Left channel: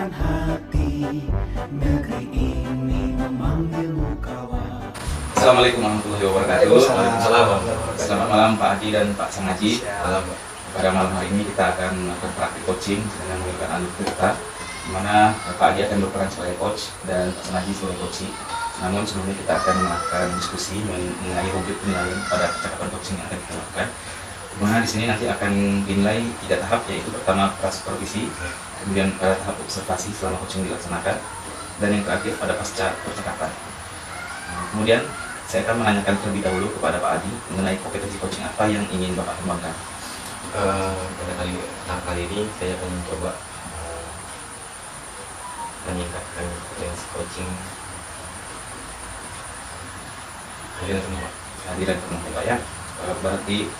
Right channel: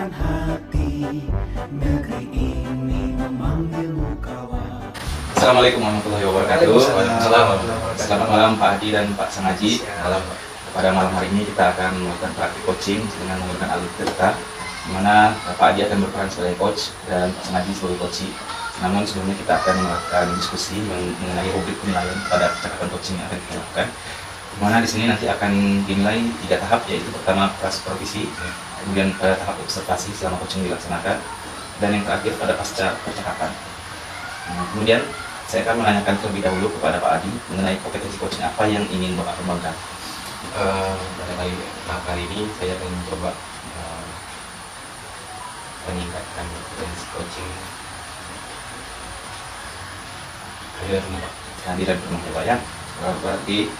Lembutkan hati, negeri ini memanggilmu kawan. Assalamualaikum warahmatullahi wabarakatuh. Selamat malam Pak Hadi dan Pak Sangaji. Pada malam hari ini kita akan melakukan praktik coaching dengan menggunakan alur cerita, di mana Pak Hadi akan berperan sebagai coach dan Pak Sangaji sebagai coach. Namun sebelumnya kita akan melakukan diskusi mengenai rubrik penilaian pada percakapan coaching yang akan kita lakukan. Di mana di sini nanti akan dinilai 3 tahap, yaitu pertama supervisi, kemudian tahap observasi selama coaching dilaksanakan, dan yang terakhir pada pasca percakapan. Kemudian saya akan menanyakan terlebih dahulu kepada Pak Hadi mengenai kompetensi coaching apa yang ingin Bapak kembangkan. Pada kali ini saya akan mencoba meningkatkan kompetensi coaching kehadiran penuh Pak ya. Berarti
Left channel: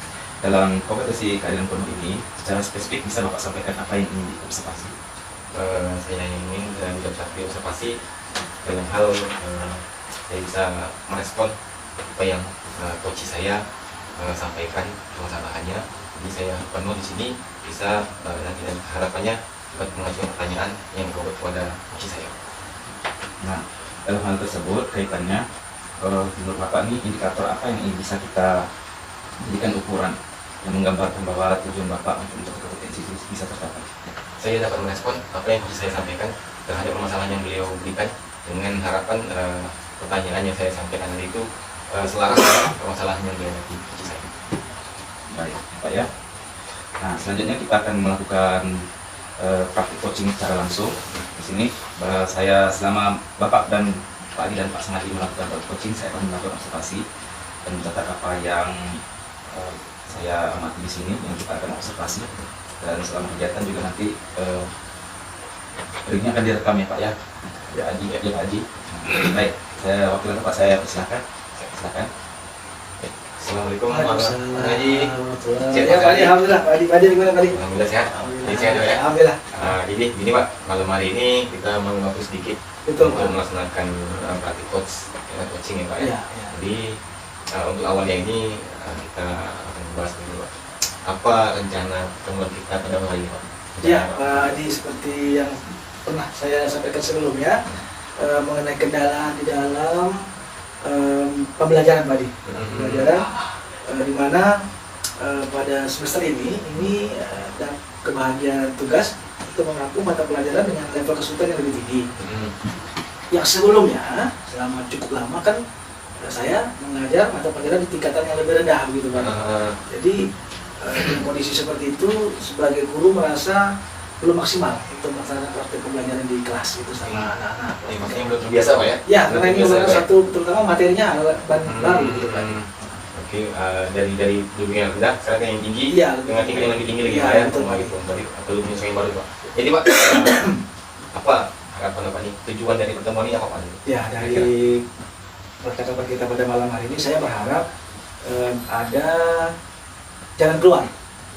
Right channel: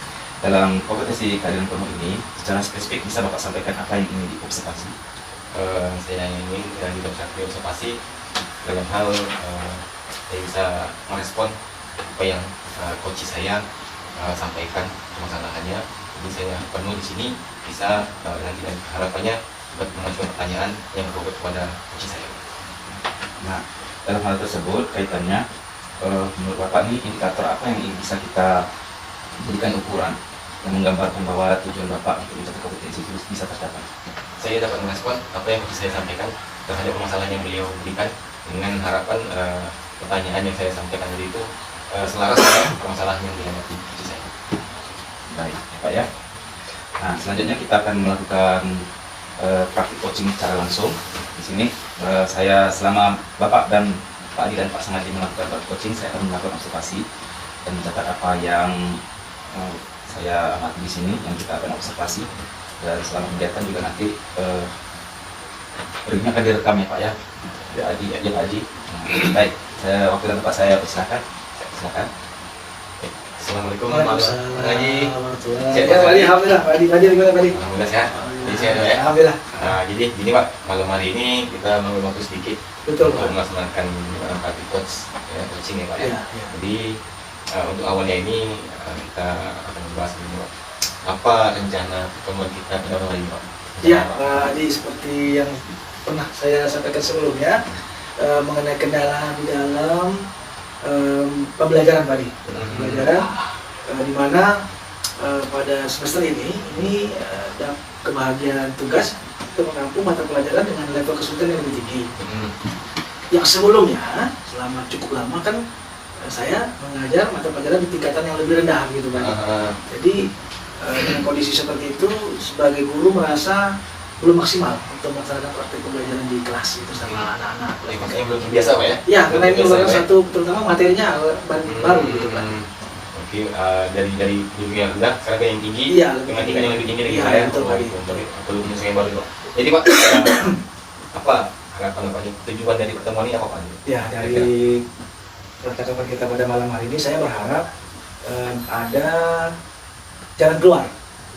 dalam kompetensi kehadiran penuh ini secara spesifik bisa Bapak sampaikan apa yang ingin diobservasi? Saya ingin diobservasi dalam hal saya bisa merespon apa yang coach saya sampaikan permasalahannya. Jadi saya penuh di sini bisa nanti dan harapannya dapat mengajukan pertanyaan yang berbobot kepada coach saya. Nah, dalam hal tersebut kaitannya menurut Bapak ini indikator apa yang bisa kita jadikan ukuran yang menggambarkan bahwa tujuan Bapak untuk mencapai kompetensi itu bisa tercapai? Saya dapat merespon apa yang saya sampaikan terhadap permasalahan yang beliau berikan dengan harapan pertanyaan yang saya sampaikan tadi itu selaras dengan permasalahan yang dihadapi coach saya. Baik, Pak ya. Nah, selanjutnya kita akan melakukan praktik coaching secara langsung. Di sini saya selama Bapak dan Pak Hadi dan Pak Sangaji melakukan coaching, saya akan melakukan observasi dan mencatat apa yang saya amati di sini yang kita akan observasi. Dan selama kegiatan juga nanti ini akan direkam ya Pak ya. Ya Pak Haji. Baik, waktu dan tempat saya persilakan. Silakan. Assalamualaikum warahmatullahi wabarakatuh. Ya, Pak Hadi, alhamdulillah. Pak Hadi gimana Pak Hadi? Alhamdulillah sehat. Jadi saya doa ya. Alhamdulillah. Jadi gini Pak, malam hari ini kita mengambil waktu sedikit Betul, untuk Pak. melaksanakan praktik coaching ya Pak ya. Ya. Jadi untuk awalnya ini kita akan membahas dulu Pak, apa rencana pertemuan kita pada malam hari ini Pak? Ya, Pak Hadi, seperti yang pernah saya sampaikan sebelumnya mengenai kendala di dalam pembelajaran Pak Hadi. Pembelajaran di mana pada semester ini ada kebahagiaan tugas untuk menampung mata pelajaran dengan level kesulitan yang lebih tinggi. Yang sebelumnya selama cukup lama kan saya mengajar mata pelajaran di tingkatan yang lebih rendah gitu Pak. Jadi dengan kondisi seperti itu sebagai guru merasa belum maksimal untuk melaksanakan praktik pembelajaran di kelas itu sama anak-anak. Maksudnya belum biasa Pak ya? Ya, karena ini merupakan satu terutama materinya baru gitu kan. Oke, dari dulu yang rendah sekarang yang tinggi, Iya, dengan tingkat yang lebih tinggi lagi iya, saya betul, Pak. untuk ilmu yang baru Pak. Jadi Pak, apa harapan Pak ini, tujuan dari pertemuan ini apa Pak? Ya, dari percakapan kita pada malam hari ini saya berharap ada jalan keluar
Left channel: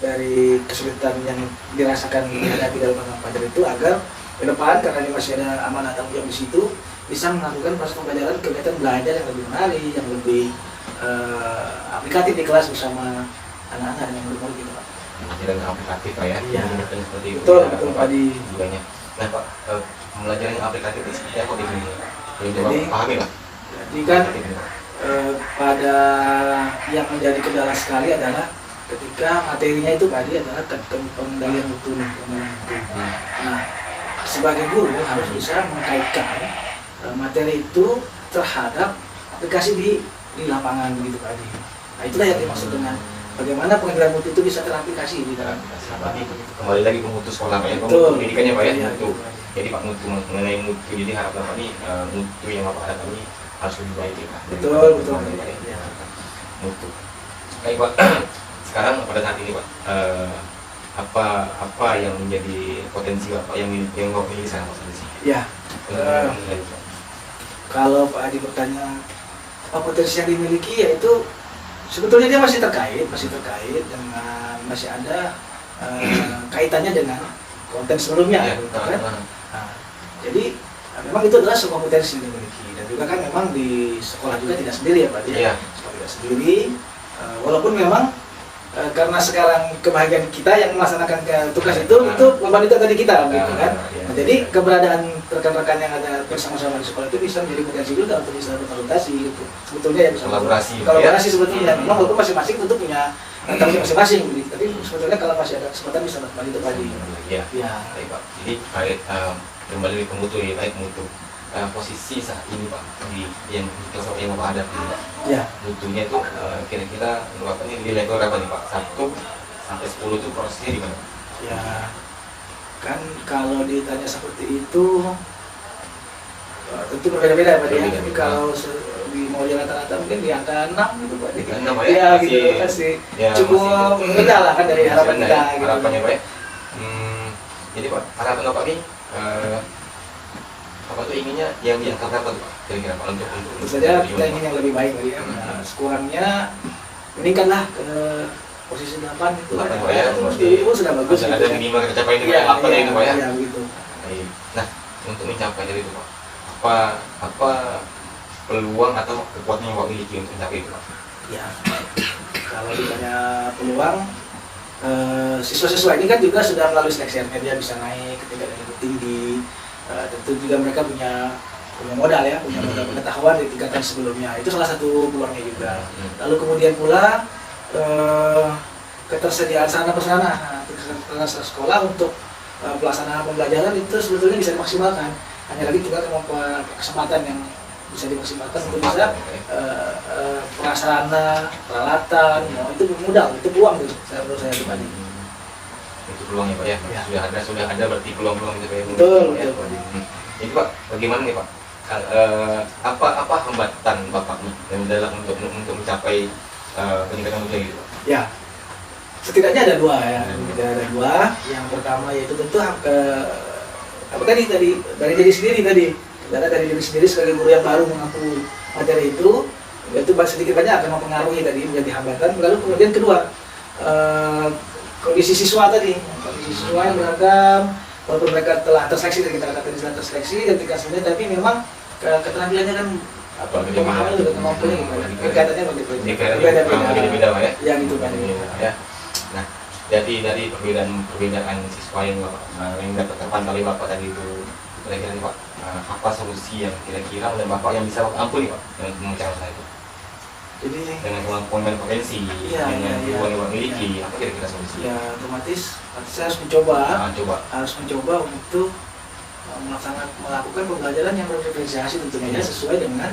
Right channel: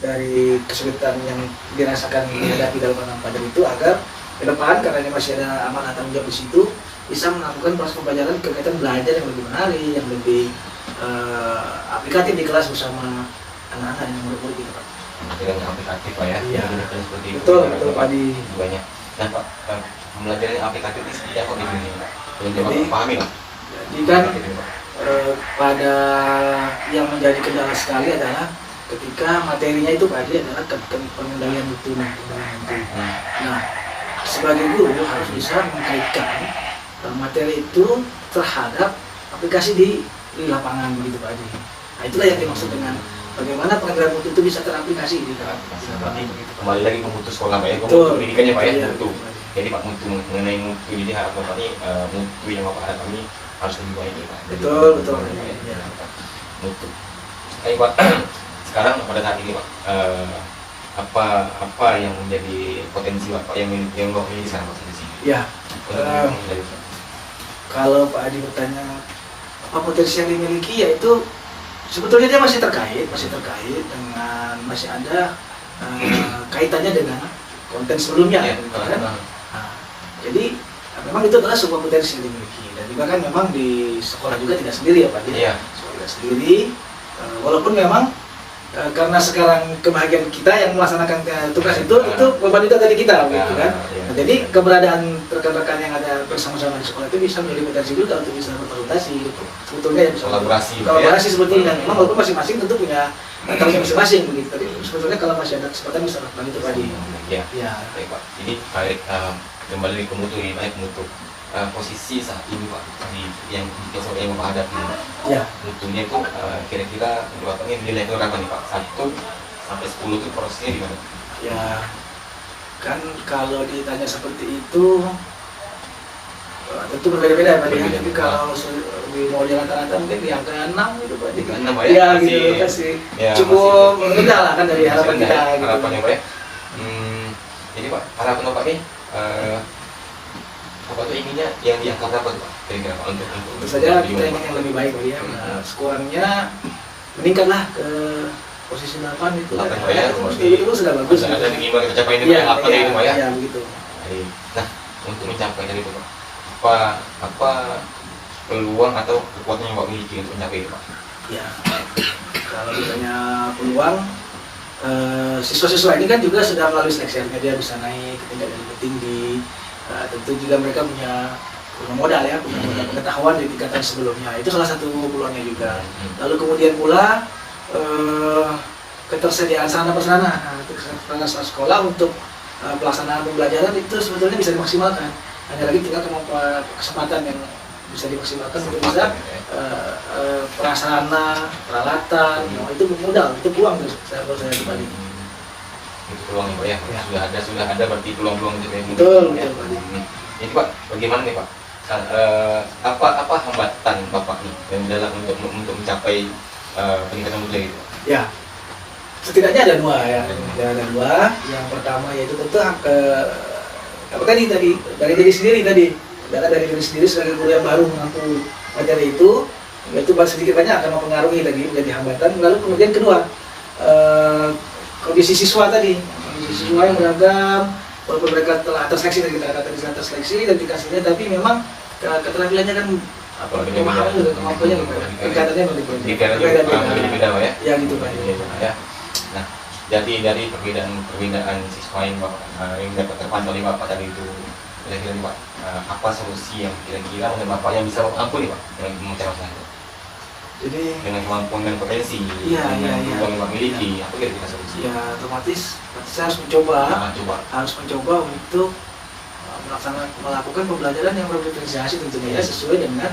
dari kesulitan yang dirasakan dihadapi dalam mata pelajaran itu, agar ke depan karena ini masih ada amanah tanggung jawab di situ bisa melakukan proses pembelajaran kegiatan belajar yang lebih menarik, yang lebih aplikatif di kelas bersama anak-anak dan murid-murid gitu Pak. Pembelajaran yang aplikatif Pak ya? Iya. Seperti itu. Betul Pak Hadi. Banyak. Nah Pak, pembelajaran yang aplikatif ini seperti apa gitu ini? Jadi, pahami Pak. Jadi kan pada yang menjadi kendala sekali adalah ketika materinya itu Pak Hadi adalah pengendalian mutu. Nah, sebagai guru harus bisa mengkaitkan materi itu terhadap aplikasi di lapangan begitu Pak Hadi. Nah, itulah yang dimaksud dengan bagaimana pengendalian mutu itu bisa teraplikasi di dalam Tapi kembali lagi ke mutu sekolah Pak ya, ke Betul. mutu pendidikannya Pak ya, Iya. mutu. Jadi Pak, mutu mengenai mutu, jadi harapan Pak ini mutu yang Bapak hadapi ini harus lebih baik ya Pak. Betul, betul. Ya. Mutu. Baik Pak, sekarang pada saat ini Pak, apa yang menjadi potensi Pak yang Bapak miliki sekarang Pak potensi? Ya. Untuk menilai, Pak. Kalau Pak Hadi bertanya apa potensi yang dimiliki, yaitu sebetulnya dia masih terkait dengan masih ada kaitannya dengan konten sebelumnya, Ya, gitu kan? Pak. Nah, jadi memang itu adalah sebuah potensi yang dimiliki, dan juga kan memang di sekolah juga tidak sendiri ya Pak ya. Iya. Sekolah tidak sendiri, walaupun memang karena sekarang kebahagiaan kita yang melaksanakan tugas itu beban itu tadi kita gitu kan. Nah, jadi keberadaan rekan-rekan yang ada bersama-sama di sekolah itu bisa menjadi potensi juga untuk bisa berkonsultasi gitu. Sebetulnya ya bisa kolaborasi sebetulnya. Memang walaupun masing-masing tentu punya tanggung masing-masing gitu. Tapi sebetulnya kalau masih ada kesempatan bisa berbagi itu tadi. Ya. Baik Pak. Jadi kembali ke mutu ya, baik mutu. Posisi saat ini Pak di yang Bapak hadapi Ya. mutunya itu kira-kira Bapak ini nilai itu berapa nih Pak? 1 sampai 10 itu prosesnya di mana? Ya, kan kalau ditanya seperti itu tentu berbeda-beda Pak. Berbeda. Tapi kalau di nomor rata-rata mungkin di angka 6 gitu Pak. Di angka 6 Ya, masih- gitu pasti ya, cukup rendah lah kan dari harapan masih kita ada gitu. harapannya Pak ya. Ini Pak, harapan Bapak ini Bapak tuh inginnya yang di angka berapa Pak? Kira-kira Pak untuk Tentu saja kita ingin yang lebih baik Pak ya. Nah, sekurangnya meningkatlah ke posisi 8 itu kan. 8 Pak ya, Itu sudah bagus. Ada gitu. gimana kecapaian itu Iya, Pak, apa itu Pak ya? Iya, begitu. Baik. Nah, untuk mencapai dari itu Pak, apa peluang atau kekuatan yang Bapak miliki untuk mencapai itu Pak? Ya, kalau ditanya peluang, siswa-siswa ini kan juga sudah melalui seleksi, artinya dia bisa naik ke tingkat yang lebih tinggi. Tentu juga mereka punya modal ya, punya modal pengetahuan di tingkatan sebelumnya. Itu salah satu peluangnya juga. Lalu kemudian pula ketersediaan sarana prasarana, sarana sekolah untuk pelaksanaan pembelajaran itu sebetulnya bisa dimaksimalkan. Hanya lagi tinggal kemampuan kesempatan yang bisa dimaksimalkan untuk bisa prasarana, peralatan, itu modal, itu peluang menurut saya pribadi. Itu peluangnya Pak ya? Ya. Sudah ada berarti peluang-peluang itu yang Betul, ya. betul. Jadi Pak, bagaimana nih Pak? Apa hambatan Bapak nih yang dalam untuk mencapai peningkatan mutu itu? Ya, setidaknya ada dua ya. Ada dua. Yang pertama yaitu tentu apa tadi dari diri sendiri tadi. Dari diri sendiri sebagai guru yang baru mengampu materi itu sedikit banyak akan mempengaruhi tadi menjadi hambatan. Lalu kemudian kedua, kondisi siswa tadi, kondisi siswa yang beragam, walaupun mereka telah terseleksi dan kita katakan sudah terseleksi dan dikasihnya, tapi memang keterampilannya kan kemampuannya tingkatannya berbeda Pak ya? Ya gitu kan. Ya. Nah, jadi dari perbedaan siswa yang Bapak yang dapat terpantau oleh Bapak tadi itu, kira-kira Pak, apa solusi yang kira-kira dan Bapak yang bisa ampuni Pak yang mencari masalah itu? Jadi Dengan kemampuan dan kompetensi, Iya, dengan iya, peluang yang Bapak iya. miliki, apa kira-kira solusi? ya otomatis saya harus mencoba Coba. untuk melakukan pembelajaran yang berdiferensiasi tentunya ya, sesuai dengan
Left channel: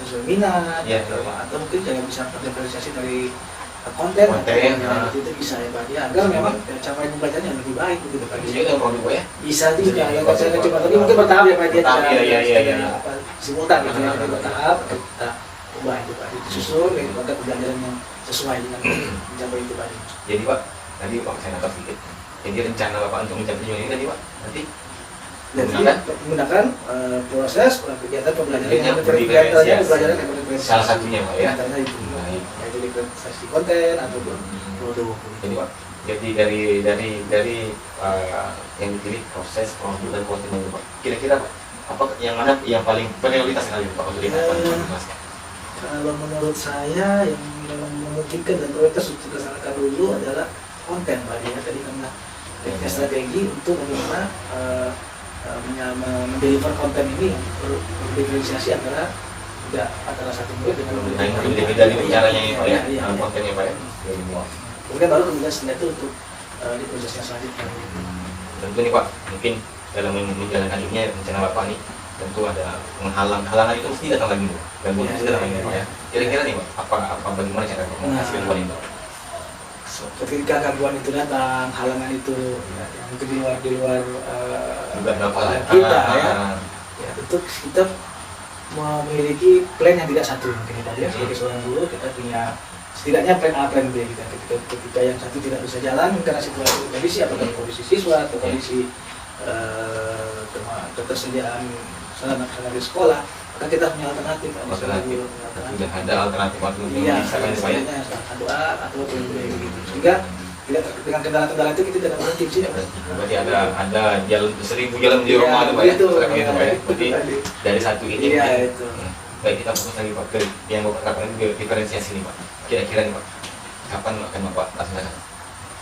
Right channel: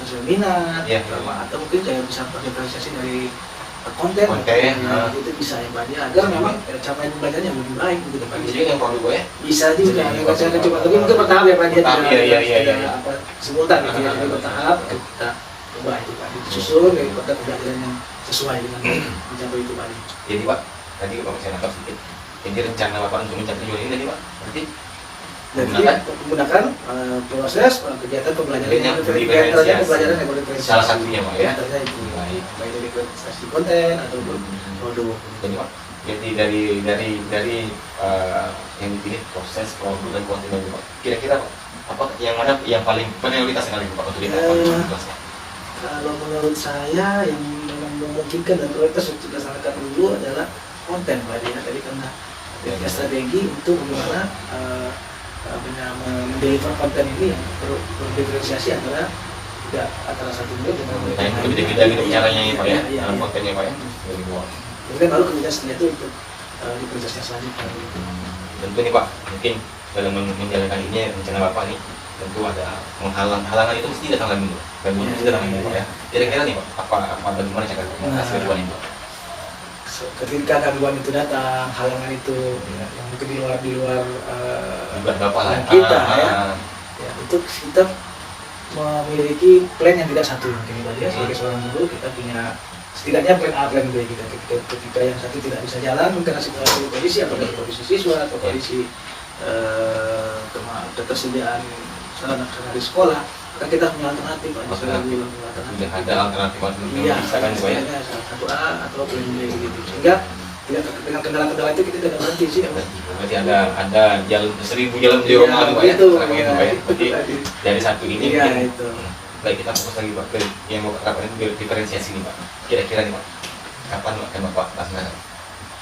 sesuai minat Ya. atau mungkin jangan bisa berdiferensiasi dari konten itu bisa ya Pak ya, agar memang capaian pembelajaran yang lebih baik gitu Pak. Jadi yang produk Pak ya? Bisa juga ya, kalau saya coba tadi mungkin bertahap ya Pak dia Iya. simultan gitu ya, bertahap kita ubah itu Pak, disusun pada pembelajaran yang sesuai dengan mencapai itu Pak. Jadi Pak, tadi Bapak saya nangkap sedikit. Jadi rencana Bapak untuk mencapai tujuan ini tadi Pak, nanti Jadi menggunakan proses kegiatan pembelajaran yang berdiferensiasi. salah satunya Pak ya. Antaranya itu Baik. baik dari presentasi konten ataupun produk. Jadi Pak, jadi dari yang dipilih proses produk dan konten itu Pak. Kira-kira Pak, apa yang mana yang paling prioritas sekali Pak untuk kita kelas? Kalau menurut saya yang memang memungkinkan dan prioritas untuk dilaksanakan dulu adalah konten Pak ya, tadi karena punya strategi untuk bagaimana mendeliver konten ini yang berdiferensiasi antara satu grup dengan Nah, itu beda-beda gitu caranya ini Pak ya, Iya. kontennya Pak ya. Kemudian baru kemudian setelah itu untuk diproses selanjutnya. Tentu nih Pak, mungkin dalam menjalankan ini rencana Bapak nih, tentu ada halangan itu mesti datang lagi dan mesti datang lagi Pak ya. Kira-kira nih Pak, apa bagaimana cara Bapak mengatasi kehidupan ini Pak? Ketika gangguan itu datang, halangan itu yang mungkin di luar Bapak lah. kita ya, untuk kita memiliki plan yang tidak satu mungkin ya, sebagai seorang guru kita punya setidaknya plan A, plan B gitu. Ketika yang satu tidak bisa jalan karena situasi kondisi atau dari kondisi siswa atau kondisi ketersediaan sarana di sekolah, maka kita punya alternatif Sudah ada alternatif iya, misalkan Pak ya. satu A atau plan B gitu, sehingga tidak dengan kendala-kendala itu kita tidak berhenti sih. Berarti ada jalan 1000 jalan di rumah itu Pak ya. Pak ya. Berarti dari satu ini Iya, itu. baik kita fokus lagi Pak ke yang Bapak terapkan itu diferensiasi nih Pak. Kira-kira nih Pak. kapan akan Bapak laksanakan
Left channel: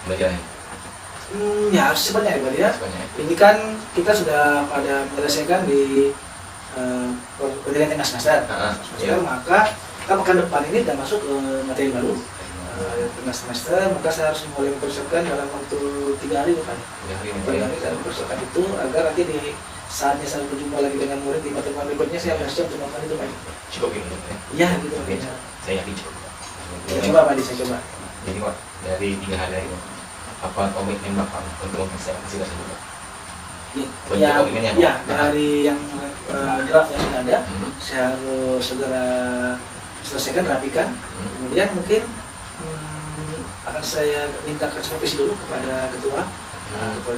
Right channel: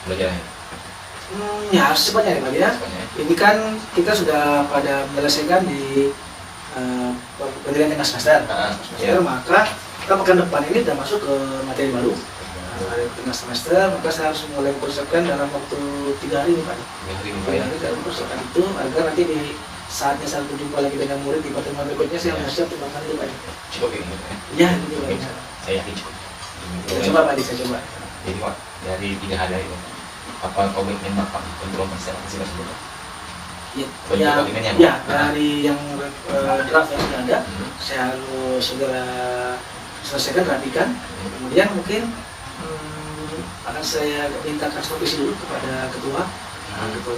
belajarnya? Ya harus cepatnya ya Pak ya. Cepatnya. Ini kan kita sudah pada menyelesaikan di penilaian tengah semester. Iya. Maka kita pekan depan ini sudah masuk ke materi baru. Tengah semester, maka saya harus mulai mempersiapkan dalam waktu 3 hari Pak. 3 hari dalam mempersiapkan itu agar nanti di saatnya saya berjumpa lagi dengan murid di pertemuan berikutnya saya harus siap untuk melakukan itu Pak. Cukup ini. Ya gitu Pak. Saya yakin cukup. Kita coba Pak, saya coba. Jadi Pak, dari 3 hari ini, apa komitmen Bapak untuk mempersiapkan tersebut? Ya, ya, dari yang draft yang sudah ada, saya harus segera selesaikan, rapikan. Kemudian mungkin akan saya mintakan supervisi dulu kepada ketua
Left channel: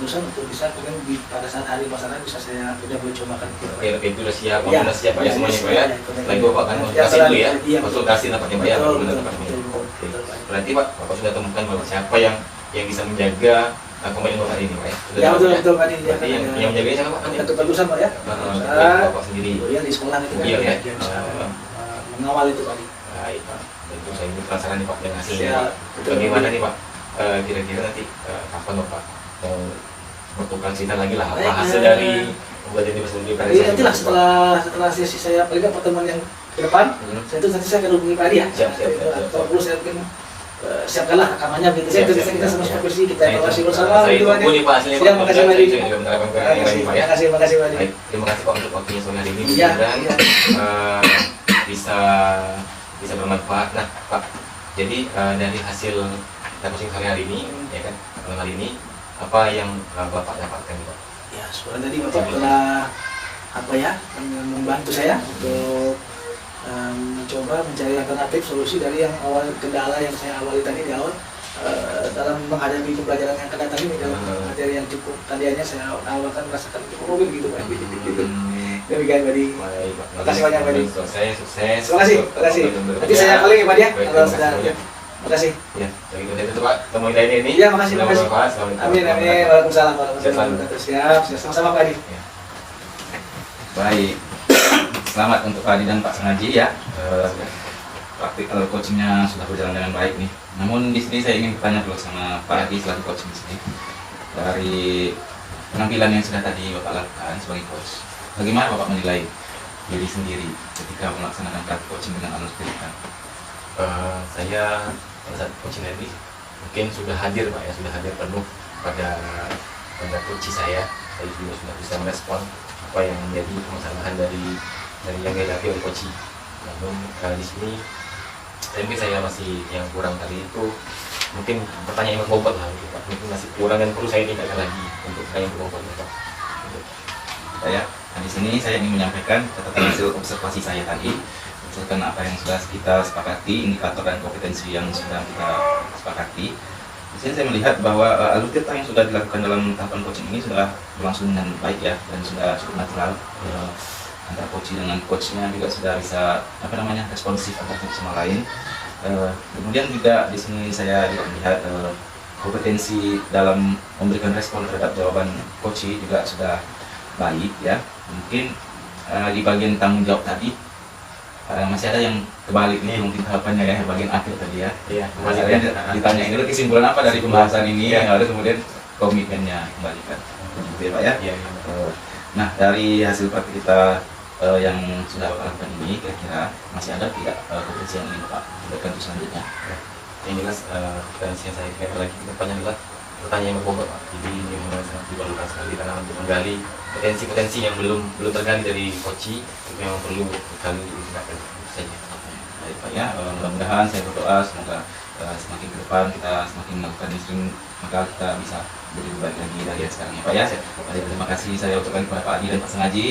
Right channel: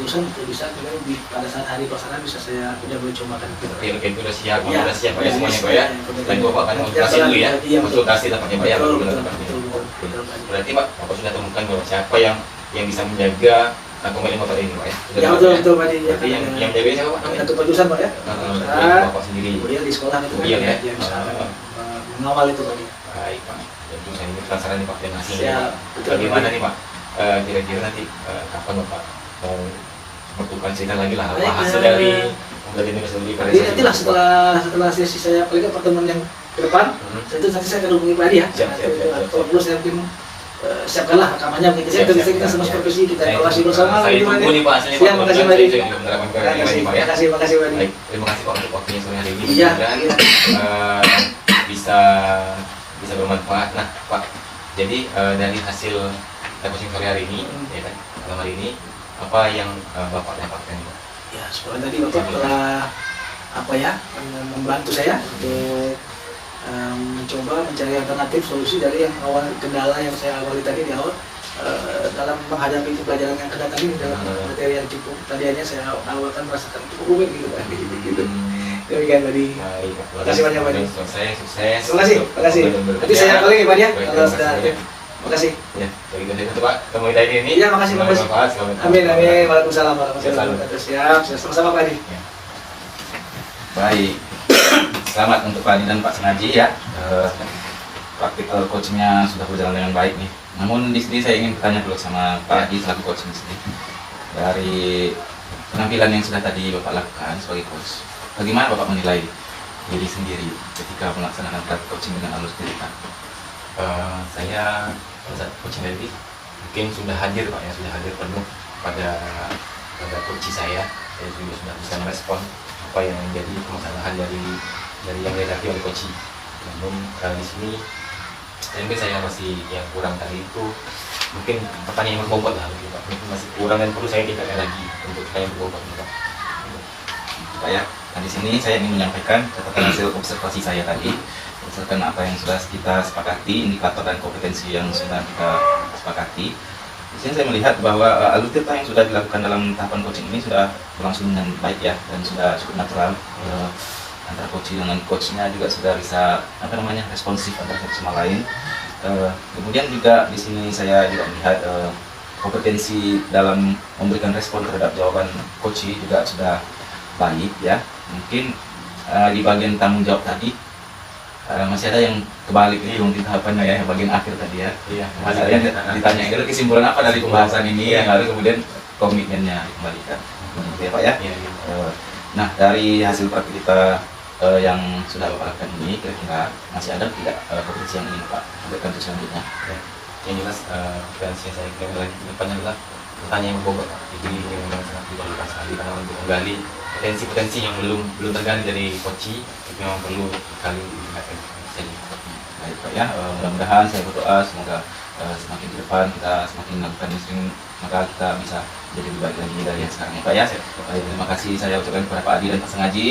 dosen untuk bisa kemudian pada saat hari pelaksanaan bisa saya boleh cobakan. Oke, itu udah siap, Ya, udah siap ya, semuanya Pak ya. Lagi Bapak akan konsultasi dulu ya, konsultasi tampaknya Pak ya. Betul. Berarti Pak, Bapak sudah temukan bahwa siapa yang bisa menjaga komitmen Bapak ini Pak ya? Ya betul Pak. Berarti yang menjaga ini siapa Pak? Ketua jurusan Pak ya. Bapak sendiri. Kemudian di sekolah itu Iya ya. yang bisa mengawal itu tadi. Baik Pak, itu saya ini penasaran nih Pak dan hasilnya. Ya, Bagaimana nih Pak? Kira-kira nanti kapan Bapak mau bertukar cerita lagi lah apa hasil dari belajar ini sendiri karya Jadi nantilah setelah sesi saya paling nggak pertemuan yang ke depan, nanti saya akan hubungi Pak Adi ya. Siap. Kalau perlu saya mungkin siapkanlah rekamannya begitu ya. Bisa kita semua supervisi, kita evaluasi bersama. Saya gitu, Pak, tunggu ya. nih Pak hasilnya Pak. Siap, makasih Pak Adi. Saya juga menerapkan karya ini Pak ya. Makasih Pak Adi. Baik, terima kasih Pak untuk waktunya sore hari ini. Iya. Mudah-mudahan bisa bermanfaat. Nah Pak, jadi dari hasil coaching hari ini, ya kan, malam hari ini, apa yang Bapak dapatkan Pak? Ya, sekolah tadi Bapak telah membantu saya untuk mencoba mencari alternatif solusi dari yang awal kendala yang saya awali tadi di awal dalam menghadapi pembelajaran yang kena tadi dalam materi yang cukup tadinya saya awalkan merasakan cukup rumit gitu kan gitu. Demikian tadi. Baik Pak. Makasih banyak Pak. Sukses. Terima kasih. Nanti saya balik ya Pak ya. Kalau sudah. Makasih. Ya, jadi itu Pak, komunitas ini. Iya, makasih. Amin. Waalaikumsalam. Siap. Sama-sama Pak Adi. Baik, selamat untuk Pak Adi dan Pak Sengaji ya. Praktikal coachingnya sudah berjalan dengan baik nih. Namun di sini saya ingin bertanya dulu sama Pak Adi selaku coach di sini. Dari penampilan yang sudah tadi Bapak lakukan sebagai coach, bagaimana Bapak menilai diri sendiri ketika melaksanakan praktik coaching dengan alur cerita? Saya saat coaching tadi mungkin sudah hadir Pak ya, sudah hadir penuh pada coach saya juga sudah bisa merespon apa yang menjadi permasalahan dari yang dihadapi oleh coach. Namun di sini saya masih yang kurang tadi itu mungkin pertanyaan yang berbobot lah gitu, Pak. Mungkin masih kurang dan perlu saya tingkatkan lagi untuk pertanyaan yang berbobot Pak. Pak ya, nah di sini saya ingin menyampaikan catatan hasil observasi saya tadi. Berdasarkan apa yang sudah kita sepakati, indikator dan kompetensi yang sudah kita sepakati. Di sini saya melihat bahwa alur cerita yang sudah dilakukan dalam tahapan coaching ini sudah berlangsung dengan baik ya, dan sudah cukup natural. Antara coach dengan coachnya juga sudah bisa responsif antara satu sama lain. Kemudian juga di sini saya juga melihat kompetensi dalam memberikan respon terhadap jawaban coach juga sudah baik ya. Mungkin di bagian tanggung jawab tadi masih ada yang kebalik nih mungkin tahapannya ya, bagian akhir tadi ya. Iya, ditanya itu kesimpulan apa dari pembahasan ini yang harus kemudian komitmennya dikembalikan. Gitu ya Pak ya. Iya. Nah, dari hasil praktik kita yang sudah Bapak lakukan ini, kira-kira masih ada tidak kompetensi yang ingin Pak berikan untuk selanjutnya? Yang jelas kompetensi yang saya kira lagi ke depannya adalah pertanyaan yang berbobot Pak. Jadi diundang sangat diperlukan sekali karena untuk menggali potensi-potensi yang belum tergali dari coach itu yang perlu sekali ditingkatkan saja. Baik Pak ya, mudah-mudahan saya berdoa semoga semakin ke depan kita semakin melakukan sering, maka kita bisa jadi lebih baik lagi dari yang sekarang ya Pak ya. Baik, terima kasih saya ucapkan kepada Pak Adi dan Pak Sengaji.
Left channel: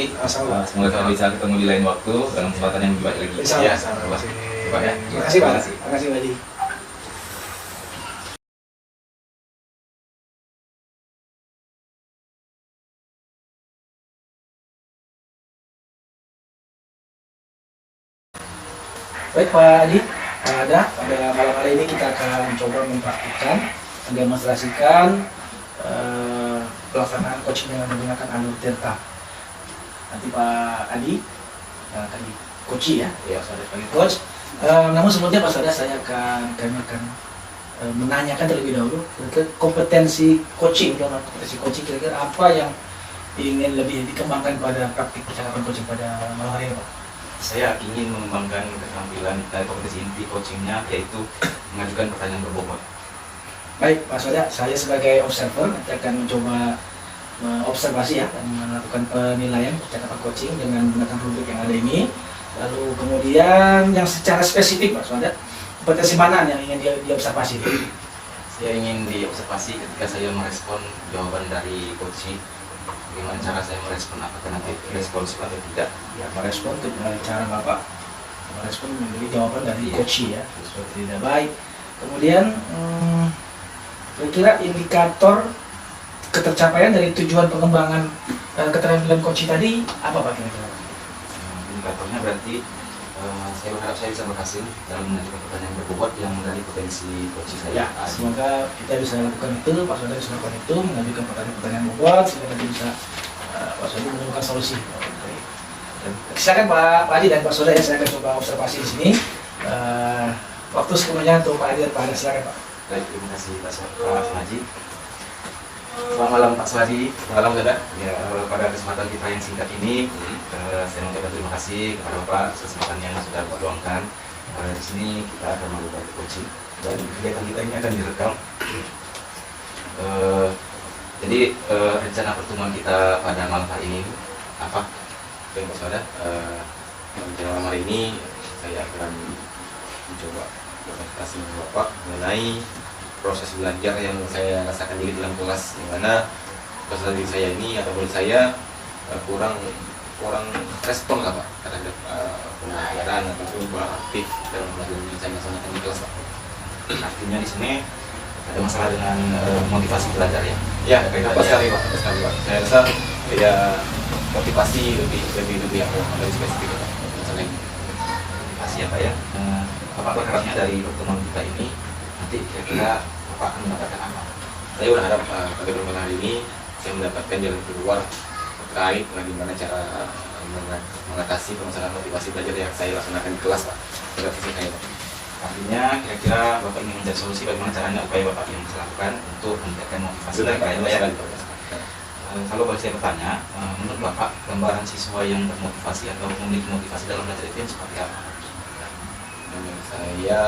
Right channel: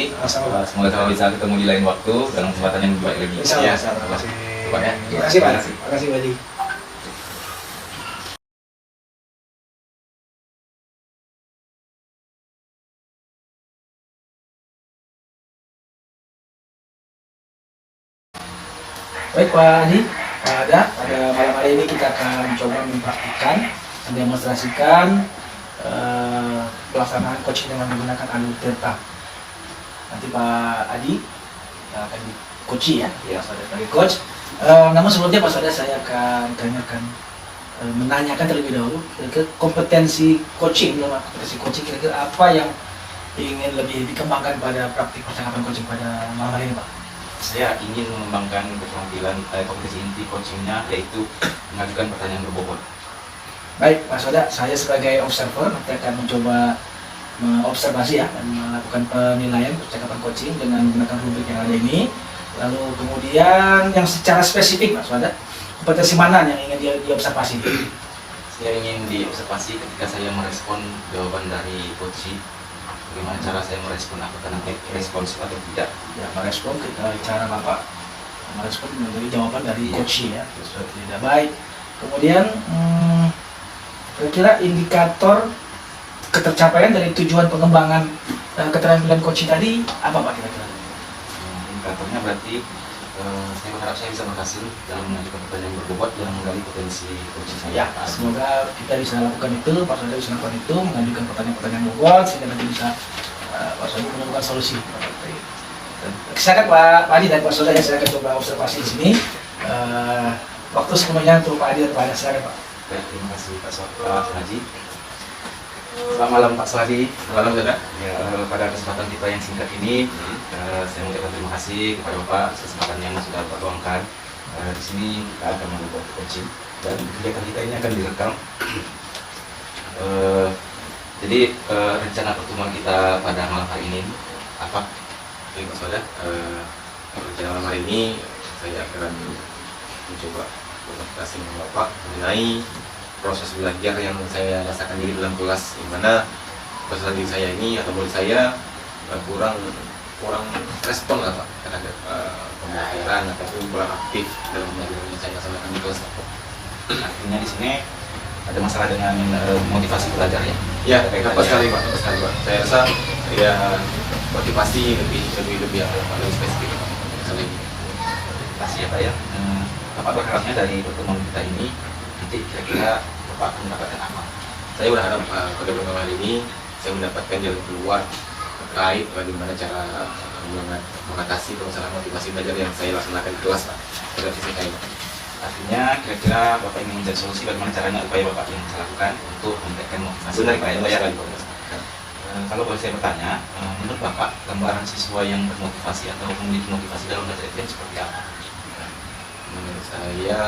Semoga kita bisa ketemu di lain waktu dalam kesempatan yang lebih baik lagi. Ya, Terima kasih. Pak ya. Terima kasih Pak. Terima kasih Pak Adi. Baik Pak Adi, pada malam hari ini kita akan coba mempraktikkan, mendemonstrasikan pelaksanaan coaching dengan menggunakan alur delta. Nanti Pak Adi yang akan coach ya, Ya, saya sebagai coach. Namun sebelumnya Pak Sada saya akan tanyakan menanyakan terlebih dahulu ke kompetensi coaching, kira-kira apa yang ingin lebih dikembangkan pada praktik percakapan coaching pada malam hari ini, Pak? Saya ingin mengembangkan keterampilan kompetensi inti coachingnya, yaitu mengajukan pertanyaan berbobot. Baik, Mas Wada, saya sebagai observer nanti akan mencoba mengobservasi ya dan melakukan penilaian percakapan coaching dengan menggunakan rubrik yang ada ini. Lalu kemudian yang secara spesifik, Mas Wada, kompetensi mana yang ingin diobservasi? Saya ingin diobservasi ketika saya merespon jawaban dari coach. Bagaimana cara saya merespon, apakah nanti responsif atau tidak? Ya, merespon cara Bapak merespon menjadi jawaban dari coach ya, seperti tidak baik. Kemudian kira-kira indikator ketercapaian dari tujuan pengembangan keterampilan coach tadi apa Pak kira-kira? Indikatornya berarti saya berharap saya bisa berhasil dalam mengajukan pertanyaan berbobot yang menggali potensi coach saya. Semoga kita bisa lakukan itu, Pak Sodi bisa lakukan itu, mengajukan pertanyaan bobot sehingga nanti bisa Pak Sodi menemukan solusi. Silakan Pak Haji dan Pak Sodi, saya akan coba observasi di sini. Waktu sepenuhnya untuk Pak Haji dan Pak Haji, silakan Pak. Baik, terima kasih Pak Haji. Selamat malam Pak Swadi. Malam saudara. Ya, pada kesempatan kita yang singkat ini, saya mengucapkan terima kasih kepada Bapak kesempatan yang sudah Bapak luangkan. Di sini kita akan melakukan coaching dan kegiatan kita ini akan direkam. Jadi rencana pertemuan kita pada malam hari ini apa? Baik Pak Saudara, rencana malam hari ini saya akan mencoba berkomunikasi dengan Bapak mengenai proses belajar yang saya rasakan di dalam kelas, di mana peserta didik saya ini atau murid saya kurang respon lah Pak terhadap pembelajaran ataupun kurang aktif dalam melakukan saya laksanakan di kelas. Artinya di sini ada masalah dengan motivasi belajar ya? Ya, tepat sekali Pak, tepat sekali Pak. Saya rasa ya motivasi lebih spesifik Pak. Misalnya ini. Pasti ya Pak ya. Bapak berharapnya dari pertemuan kita ini nanti kira-kira Bapak akan mendapatkan apa? Saya berharap pada pertemuan hari ini saya mendapatkan jalan keluar terkait bagaimana cara mengatasi permasalahan motivasi belajar yang saya laksanakan di kelas Pak. Terhadap sisi saya Pak. Artinya kira-kira Bapak ingin mencari solusi bagaimana caranya upaya Bapak yang bisa lakukan untuk meningkatkan motivasi Benar belajar ya? Pak. Kalau boleh saya bertanya, menurut Bapak gambaran siswa yang termotivasi atau memiliki motivasi dalam belajar itu yang seperti apa? Menurut saya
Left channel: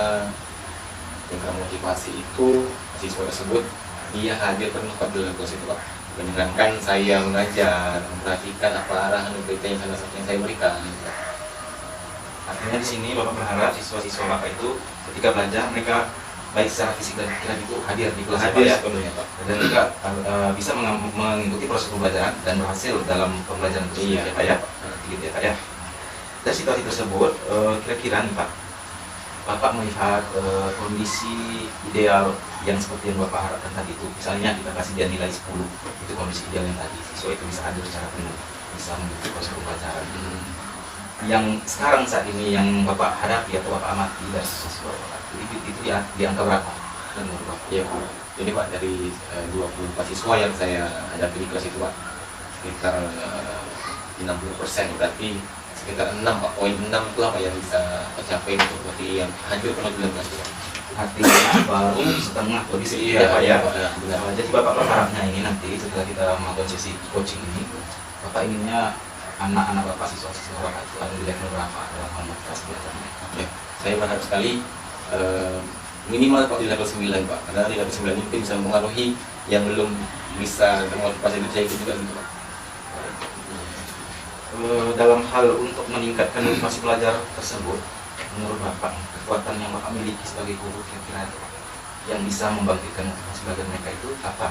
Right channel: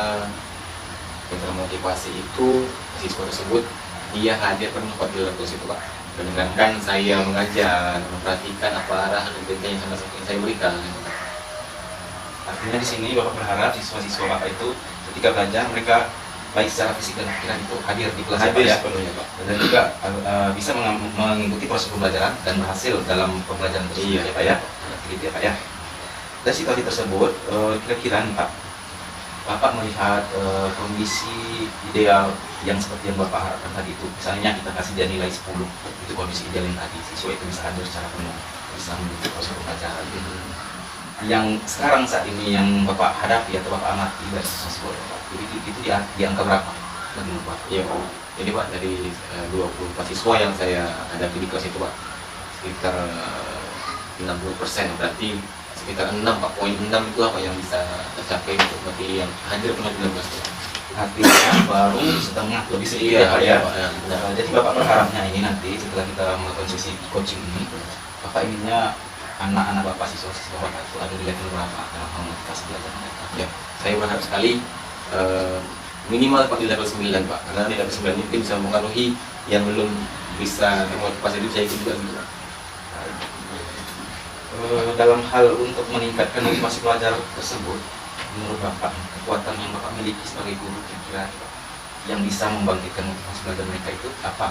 yang termotivasi itu siswa tersebut dia hadir tempat dalam kelas itu Pak. Mendengarkan saya mengajar, memperhatikan apa arahan dan kritik yang saya berikan. Artinya di sini Bapak berharap siswa-siswa Bapak itu ketika belajar mereka baik secara fisik dan pikiran itu hadir di kelas Hadir ya, sepenuhnya Pak. dan juga bisa mengikuti proses pembelajaran dan berhasil dalam pembelajaran tersebut ya Pak ya. Gitu ya Pak ya. Dari situasi tersebut kira-kira nih Pak, Bapak melihat kondisi ideal yang seperti yang Bapak harapkan tadi itu, misalnya kita kasih dia nilai 10, itu kondisi ideal yang tadi, siswa itu bisa hadir secara penuh, bisa mengikuti proses pembelajaran. Yang sekarang saat ini yang Bapak hadapi atau Bapak amati dari siswa Bapak, itu di angka berapa? Iya Pak. Ini Pak dari 24 siswa yang saya hadapi di kelas itu Pak, sekitar 60%, berarti sekitar 6 Pak. Poin 6 itu apa yang bisa tercapai untuk berarti yang hadir penuh di dalam kelas Pak. Artinya baru setengah lebih sedikit ya Pak ya. Jadi Bapak berharapnya ini nanti setelah kita melakukan sesi coaching ini, Bapak inginnya anak-anak Bapak, siswa-siswa Bapak itu ada di level berapa dalam hal motivasi belajar mereka? Ya, saya berharap sekali minimal Pak di level 9 Pak, karena di level 9 itu bisa mempengaruhi yang belum bisa termotivasi itu saya ikut juga gitu Pak. Dalam hal untuk meningkatkan motivasi belajar tersebut, menurut Bapak kekuatan yang Bapak miliki sebagai guru kira-kira yang bisa membangkitkan motivasi belajar mereka itu apa?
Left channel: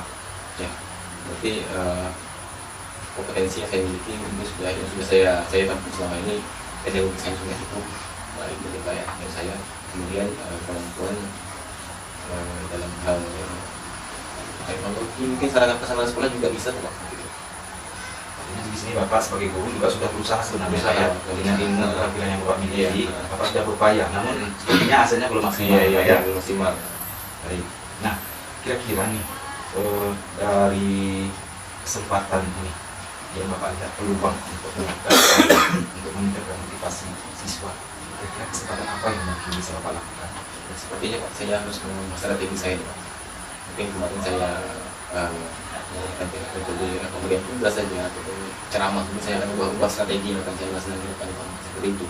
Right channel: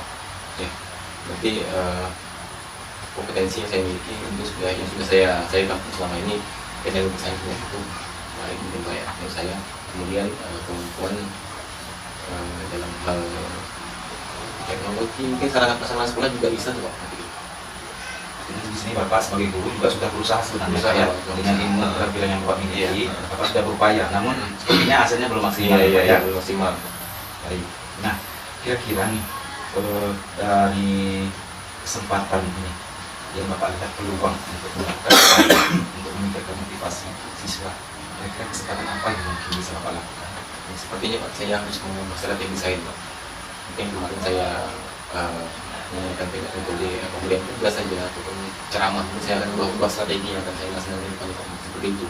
Ya, berarti kompetensi yang saya miliki itu sudah yang sudah saya tempuh selama ini, teknologi saya punya itu itu kayak yang saya kemudian kemampuan dalam hal teknologi mungkin sarana sekolah juga bisa tuh Pak. Di sini Bapak sebagai guru juga sudah berusaha sebenarnya Pak, ya, dengan ilmu keterampilan yang Bapak miliki, Bapak sudah berupaya, namun sepertinya hasilnya belum maksimal ya. Belum maksimal. Baik. Nah, kira-kira nih dari kesempatan ini yang Bapak lihat peluang untuk meningkatkan motivasi siswa, kira-kira kesempatan apa yang mungkin bisa Bapak lakukan? Ya, sepertinya Pak, saya harus mengubah strategi saya Pak. Mungkin kemarin saya menyanyikan metode pemberian tugas saja ataupun ceramah, mungkin saya akan ubah strategi yang akan saya laksanakan pada Pak, seperti itu.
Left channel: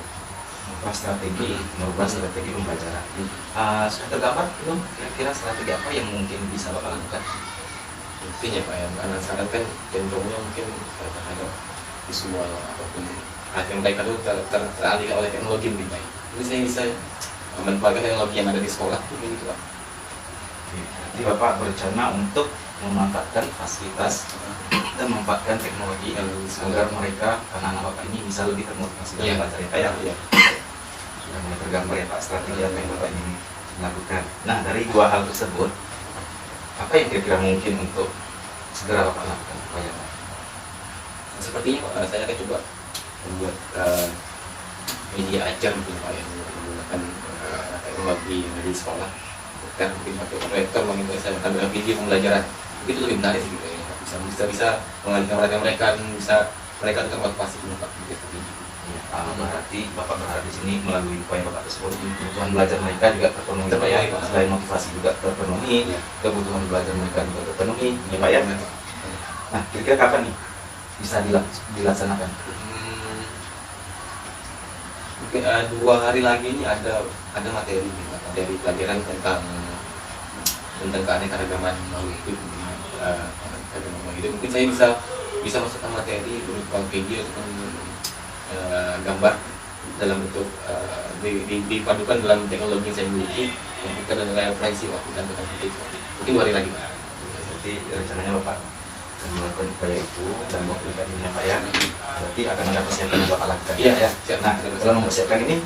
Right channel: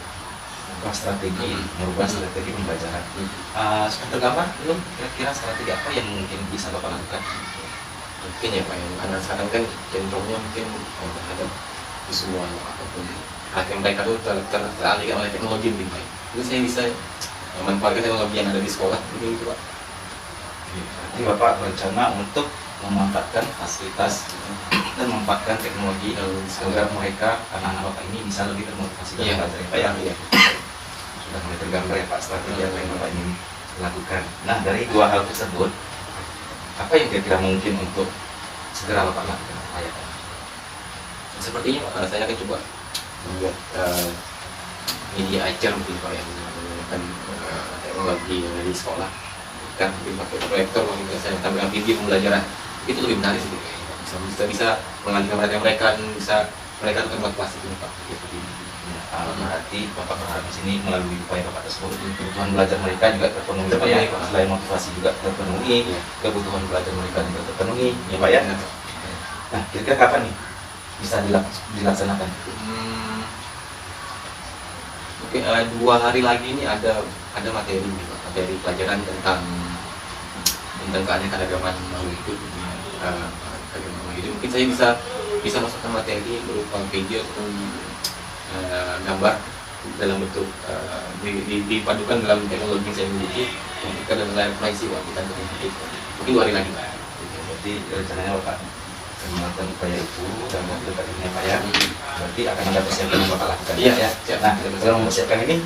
Merubah strategi pembelajaran. Sudah tergambar belum kira-kira strategi apa yang mungkin bisa Bapak lakukan? Mungkin ya Pak, yang akan sarankan cenderungnya mungkin terhadap visual ataupun perhatian mereka itu teralihkan oleh teknologi lebih baik. Mungkin saya bisa memanfaatkan teknologi yang ada di sekolah, mungkin itu Pak. Jadi Bapak berencana untuk memanfaatkan fasilitas dan memanfaatkan teknologi agar mereka, anak-anak Bapak ini bisa lebih termotivasi dalam belajar Pak ya? Iya. Sudah mulai tergambar ya Pak strategi apa yang Bapak ini lakukan. Nah, dari dua hal tersebut, apa yang kira-kira mungkin untuk segera Bapak lakukan Pak ya? Sepertinya saya akan coba membuat media ajar mungkin Pak yang menggunakan teknologi yang ada di sekolah, kan mungkin pakai proyektor, mungkin saya tampilkan video pembelajaran, itu lebih menarik sih kayaknya, bisa mengalihkan perhatian mereka, bisa mereka tetap termotivasi Pak, seperti ini. Berarti Bapak berharap di sini melalui upaya Bapak tersebut kebutuhan belajar mereka juga terpenuhi Pak ya, selain motivasi juga terpenuhi, kebutuhan belajar mereka juga terpenuhi ya Pak ya. Nah, kira-kira kapan nih bisa dilaksanakan? Mungkin 2 hari lagi ini ada materi pelajaran tentang keanekaragaman makhluk hidup di agama hidup. Mungkin saya bisa masukkan materi berupa video ataupun gambar dalam bentuk dipadukan dalam teknologi yang saya miliki, yang kita dalam layar proyeksi waktu tantangan itu. Mungkin 2 hari lagi Pak. Jadi rencananya Bapak melakukan upaya itu dalam waktu dekat ini Pak ya. Berarti akan ada persiapan yang Bapak lakukan. Iya. Nah, dalam mempersiapkan ini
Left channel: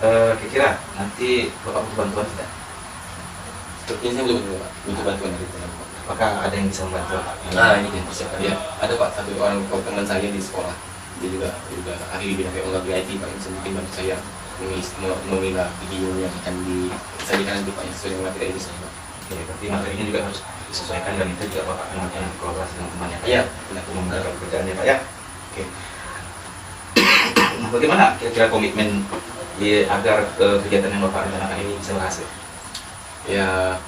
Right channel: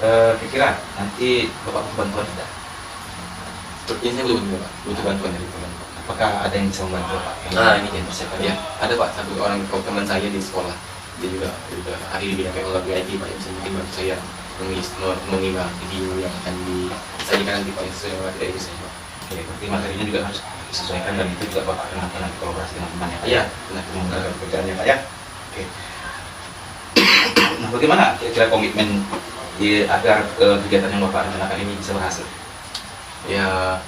kira-kira nanti Bapak butuh bantuan tidak? Sepertinya saya belum Pak, butuh bantuan dari Bapak. Apakah ada yang bisa membantu Bapak? Ini yang persiapan. Ya, ada Pak, satu orang teman saya di sekolah. Dia juga ahli di bidang teknologi IT Pak, yang bisa mungkin bantu saya mengilah video yang akan disajikan nanti Pak, yang sesuai dengan materi ini Pak. Oke, berarti materinya juga harus disesuaikan dan itu juga Bapak akan lakukan nanti kolaborasi dengan temannya Pak Iya, nah, memudahkan pekerjaannya Pak ya. Oke. Nah, bagaimana kira-kira komitmen agar kegiatan yang Bapak rencanakan ini bisa berhasil? Ya,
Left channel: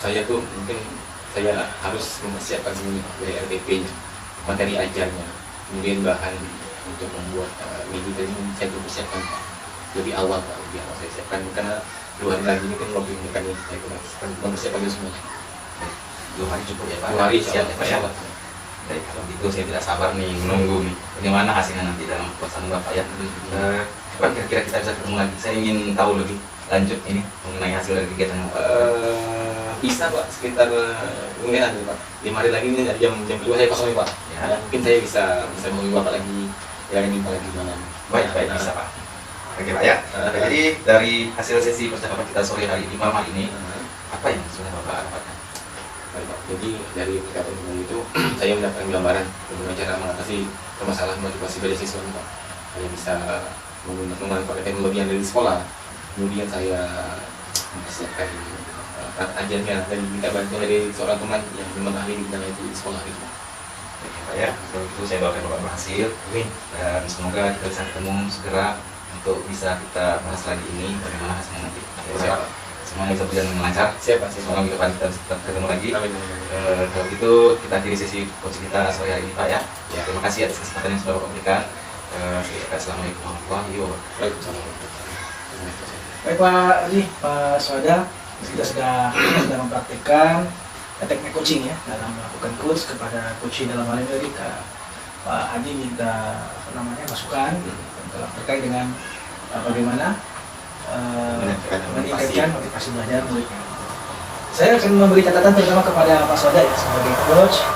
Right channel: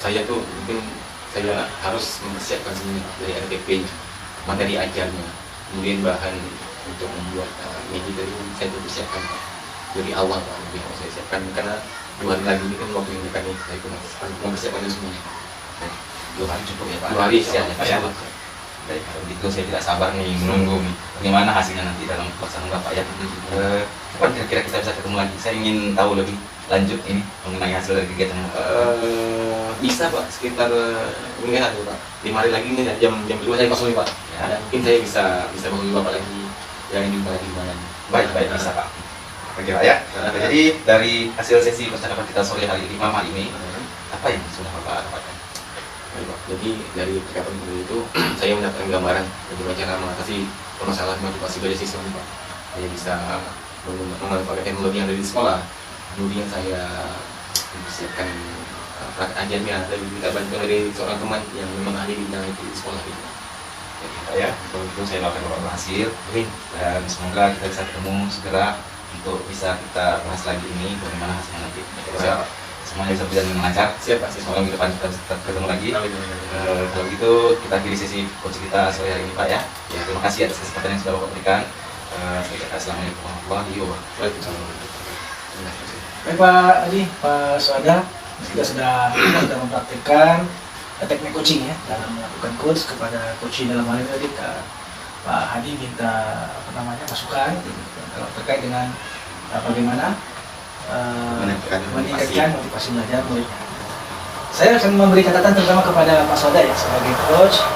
saya tuh mungkin saya harus mempersiapkan ini dari RTP-nya, materi ajarnya, kemudian bahan untuk membuat media tadi saya tuh persiapkan dari awal Pak, lebih awal saya siapkan karena 2 hari lagi ini kan waktu ini kan saya mempersiapkan itu semuanya. 2 hari cukup ya Pak? 2 hari siap Pak ya. Baik, kalau begitu saya tidak sabar nih menunggu bagaimana hasilnya nanti dalam pelaksanaan Bapak ya. Kapan kira-kira kita bisa ketemu lagi? Saya ingin tahu lebih lanjut ini mengenai hasil dari kegiatan bisa Pak, sekitar mungkin ada Pak 5 hari lagi ini jam 2 saya kosong Pak ya, mungkin saya bisa menghubungi Bapak lagi yang ingin lagi gimana. Baik bisa Pak. Oke Pak ya. Jadi dari hasil sesi percakapan kita sore hari ini malam hari ini apa yang sudah Bapak dapatkan? Baik Pak, jadi dari percakapan itu saya mendapatkan gambaran bagaimana cara mengatasi permasalahan motivasi dari siswa Pak yang bisa memanfaatkan teknologi yang ada di sekolah. Kemudian saya mempersiapkan praktek ajarnya dan minta bantuan dari seorang teman yang memang ahli di bidang itu di sekolah itu. Ya, kalau itu saya doakan Bapak berhasil dan semoga kita bisa ketemu segera untuk bisa kita bahas lagi ini bagaimana hasilnya nanti. Siap. Semuanya bisa berjalan dengan lancar. Siap Pak. Semoga minggu depan kita bisa ketemu lagi. Kalau gitu kita akhiri sesi coaching kita sore hari ini Pak ya. Terima kasih atas kesempatan yang sudah Bapak berikan. Saya kata assalamualaikum warahmatullahi wabarakatuh. Baik Pak Adi, Pak Swada, kita sudah mempraktikkan teknik coaching ya dalam melakukan coach kepada coaching dalam hal ini tadi Pak Hadi minta masukan terkait dengan bagaimana meningkatkan motivasi belajar murid. Saya akan memberi catatan terutama kepada Pak Swada ya, sebagai coach.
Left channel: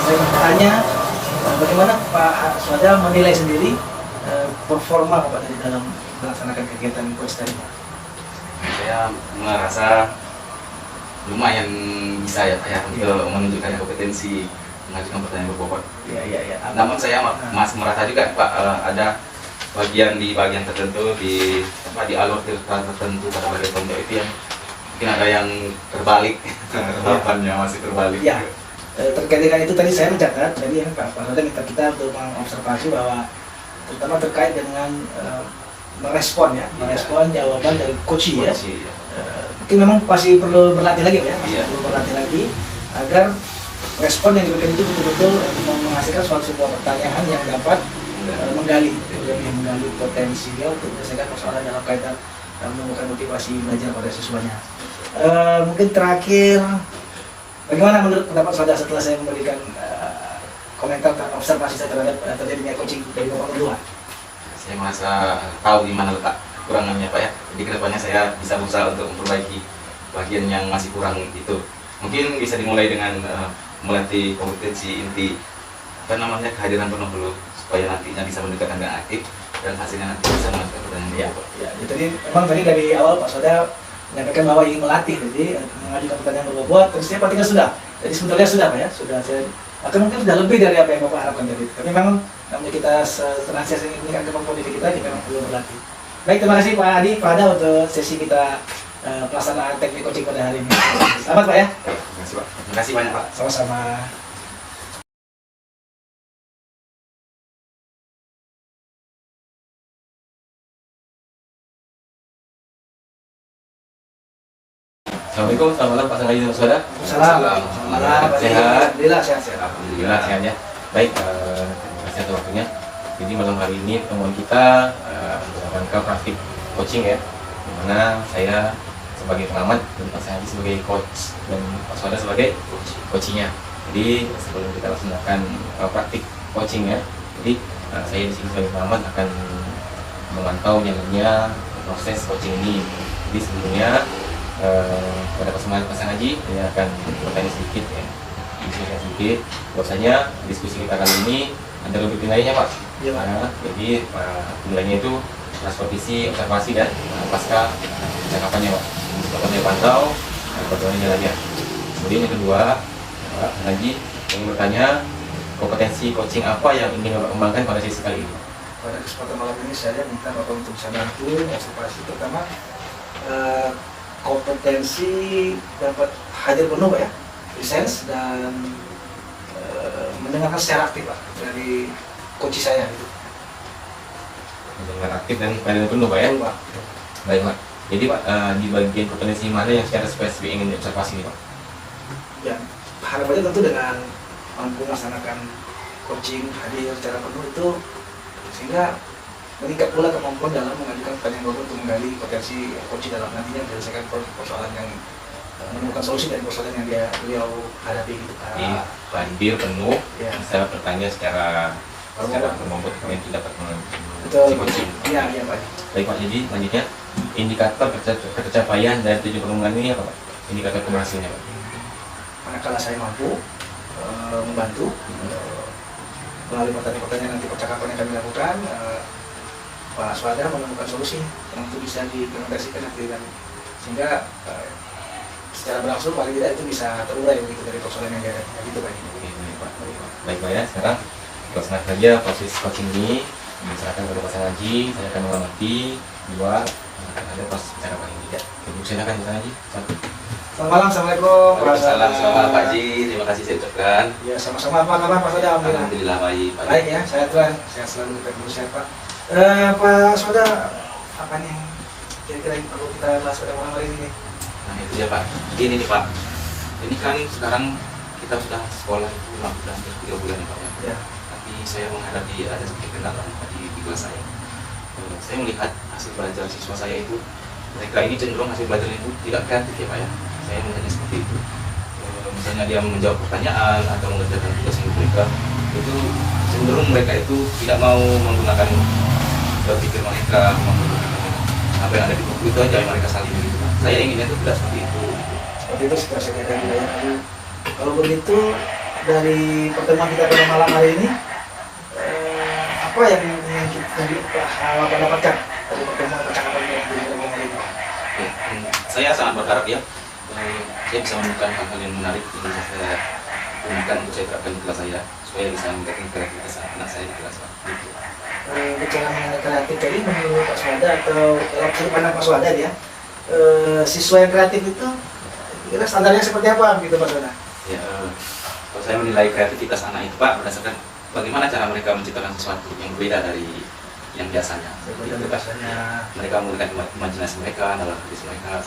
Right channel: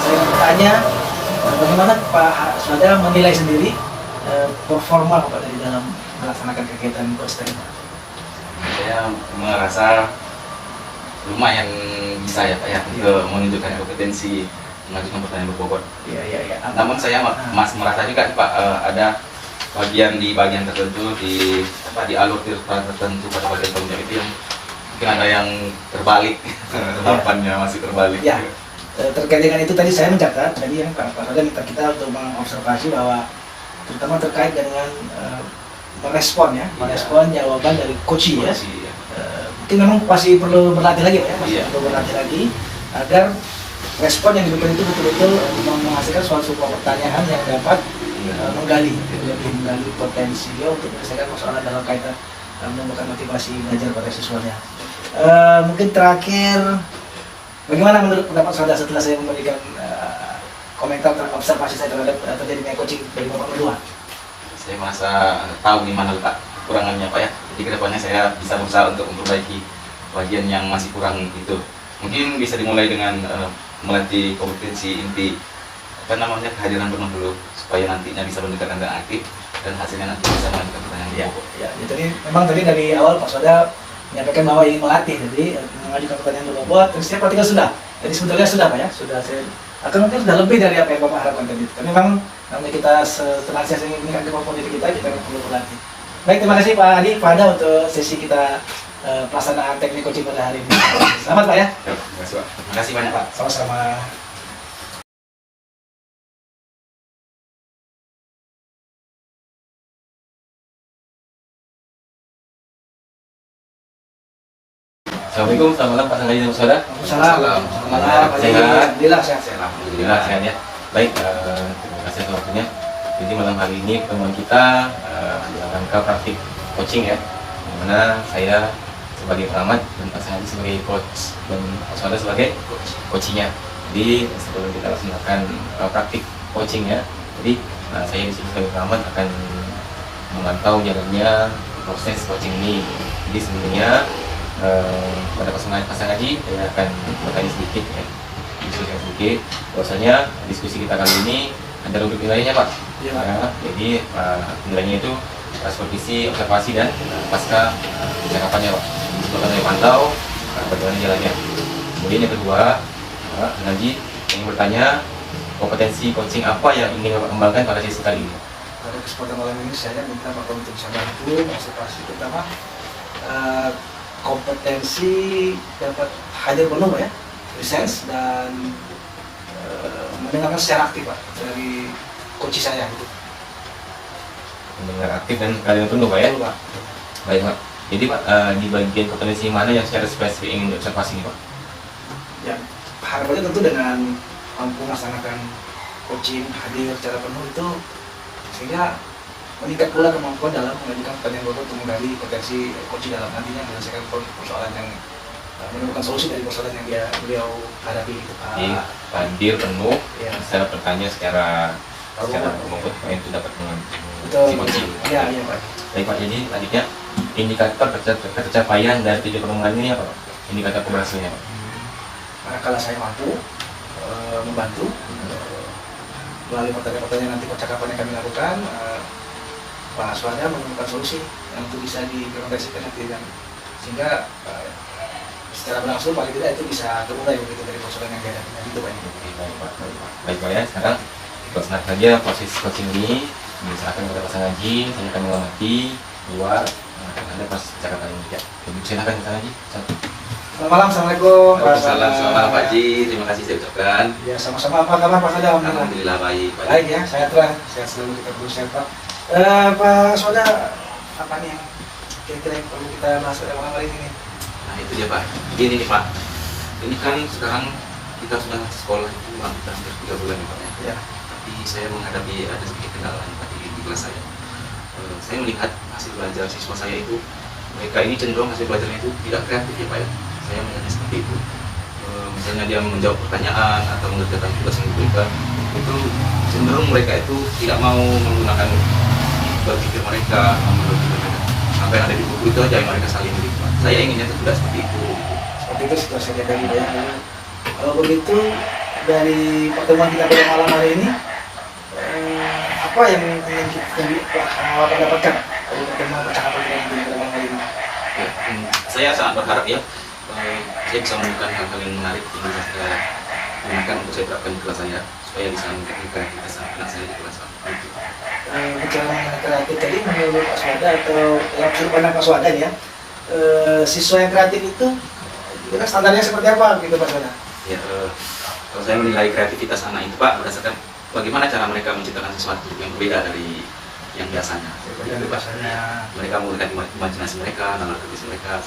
Saya bertanya bagaimana Pak Swada menilai sendiri performa Bapak dari dalam melaksanakan kegiatan coach tadi. Saya merasa lumayan bisa ya Pak ya untuk menunjukkan kompetensi mengajukan pertanyaan berbobot. Iya. Namun saya masih merasa juga Pak ada bagian tertentu di alur tertentu pada bagian tanggung jawab itu yang mungkin ada yang terbalik, jawabannya masih terbalik. Ya. Terkait dengan itu tadi saya mencatat tadi ya Pak Roda minta kita untuk mengobservasi bahwa terutama terkait dengan merespon ya, merespon jawaban dari coach ya. Iya. Itu memang pasti perlu berlatih lagi Pak ya, Iya. perlu berlatih lagi agar respon yang diberikan itu betul-betul menghasilkan suatu sebuah pertanyaan yang dapat menggali potensi dia untuk menyelesaikan persoalan dalam kaitan menemukan motivasi belajar pada siswanya. Mungkin terakhir, bagaimana menurut pendapat saudara setelah saya memberikan komentar tentang observasi saya terhadap terjadinya coaching dari Bapak berdua? Saya merasa tahu di mana letak kekurangannya Pak ya. Jadi kedepannya saya bisa berusaha untuk memperbaiki bagian yang masih kurang itu. Mungkin bisa dimulai dengan melatih kompetensi inti kehadiran penuh dulu, supaya nantinya bisa mendekatkan dengan aktif dan hasilnya nanti bisa melanjutkan pertanyaan dia. Ya, jadi memang tadi dari awal Pak Soda menyampaikan bahwa ingin melatih, jadi mengajukan pertanyaan berbobot, terus dia perhatikan sudah. Jadi sebetulnya sudah Pak ya, sudah saya akan mungkin sudah lebih dari apa yang Bapak harapkan tadi. Tapi memang namanya kita senantiasa ingin meningkatkan kemampuan diri kita memang perlu berlatih. Baik, terima kasih Pak Adi, Pak Ada untuk sesi kita pelaksanaan teknik coaching pada hari ini. Selamat Pak ya. Terima kasih Pak. Terima kasih banyak Pak. Sama-sama. Assalamualaikum, selamat malam Pak Sangaji dan Saudara. Salam. Malam. Sehat. Alhamdulillah sehat. Alhamdulillah sehat ya. Baik, terima kasih atas waktunya. Jadi malam hari ini pertemuan kita dalam rangka praktik coaching ya, dimana saya sebagai pengamat dan Pak Sangaji sebagai coach dan Pak Saudara sebagai coachingnya. Jadi sebelum kita laksanakan praktik coaching ya, jadi saya di sini sebagai pengamat akan memantau jalannya proses coaching ini. Jadi sebelumnya pada kesempatan Pak Sangaji saya akan bertanya sedikit ya, diskusikan sedikit. Bahwasanya diskusi kita kali ini ada rubrik nilainya Pak. Iya, Pak. Nah, jadi nilainya itu supervisi, observasi dan pasca percakapannya Pak. Disebutkan dari pantau, bagaimana jalannya. Kemudian yang kedua, Pak Sangaji ingin bertanya kompetensi coaching apa yang ingin Bapak kembangkan pada sesi kali ini. Pada kesempatan malam ini saya minta Bapak untuk bisa bantu observasi pertama kompetensi dapat hadir penuh Pak ya, presence dan mendengarkan secara aktif Pak dari coach saya gitu. Mendengar aktif dan kalian penuh Pak ya. Betul, Pak. Baik Pak. Jadi Pak di bagian kompetensi mana yang secara spesifik ingin diobservasi nih Pak? Ya, harapannya tentu dengan mampu melaksanakan coaching hadir secara penuh itu sehingga meningkat pula kemampuan dalam mengajukan pertanyaan bobot untuk menggali potensi coaching dalam nantinya menyelesaikan persoalan yang menemukan solusi dari persoalan yang beliau hadapi gitu Pak. Jadi hadir penuh, Ya. saya bertanya secara bobot itu dapat Betul. si coaching. Iya, iya Pak. Baik Pak, jadi selanjutnya indikator pencapaian dan tujuan pengembangan ini apa Pak? Indikator keberhasilannya Pak? Manakala saya mampu membantu melalui pertanyaan nanti percakapan yang kami lakukan, Pak Swada menemukan solusi yang untuk bisa diimplementasikan dan sehingga secara berangsur paling tidak itu bisa terurai begitu dari persoalan yang dihadapi. Gitu Pak. Oke, baik Pak. Baik Pak ya, sekarang untuk senang saja proses coaching ini diserahkan kepada Pak Sangaji. Saya akan mengamati dua akan ada proses percakapan yang tidak. Jadi silakan Pak Sangaji. Selamat malam, assalamualaikum. Waalaikumsalam, selamat malam Pak Ji. Terima kasih saya ucapkan. Ya sama-sama. Apa kabar Pak Swada? Alhamdulillah baik Pak Ji. Baik ya, sehat Tuhan. Sehat selalu kita berusaha Pak. Pak Swada, apa nih yang kira-kira yang perlu kita bahas pada malam hari ini? Nah itu dia Pak. Ini nih Pak. Ini kan sekarang kita sudah sekolah itu hampir 3 bulan ya Pak ya. Ya. Tapi saya menghadapi ada sedikit kendala tadi di kelas saya. Saya melihat hasil belajar siswa saya itu mereka ini cenderung hasil belajarnya itu tidak kreatif ya Pak ya. Saya melihatnya seperti itu. Misalnya dia menjawab pertanyaan atau mengerjakan tugas yang diberikan, itu cenderung mereka itu tidak mau menggunakan berpikir mereka, apa yang ada di buku itu aja yang mereka salin gitu Pak. Saya inginnya itu tidak seperti itu. Seperti itu situasinya dari budaya lalu. Kalau begitu dari pertemuan kita pada malam hari ini, apa yang kita dapatkan dari pertemuan percakapan kita pada malam hari ini? Ya, saya sangat berharap ya saya bisa menemukan hal-hal yang menarik yang bisa saya gunakan untuk saya terapkan di kelas saya supaya bisa meningkatkan kreativitas anak saya di kelas Pak. Gitu. Bicara mengenai kreatif tadi menurut Pak Swada atau dalam sudut pandang Pak Swada ya, siswa yang kreatif itu kira standarnya seperti apa gitu Pak Swada? Ya, kalau saya menilai kreativitas anak itu Pak berdasarkan bagaimana cara mereka menciptakan sesuatu yang berbeda dari yang biasanya. Dari bahasanya. Mereka menggunakan imajinasi mereka, nalar kritis mereka,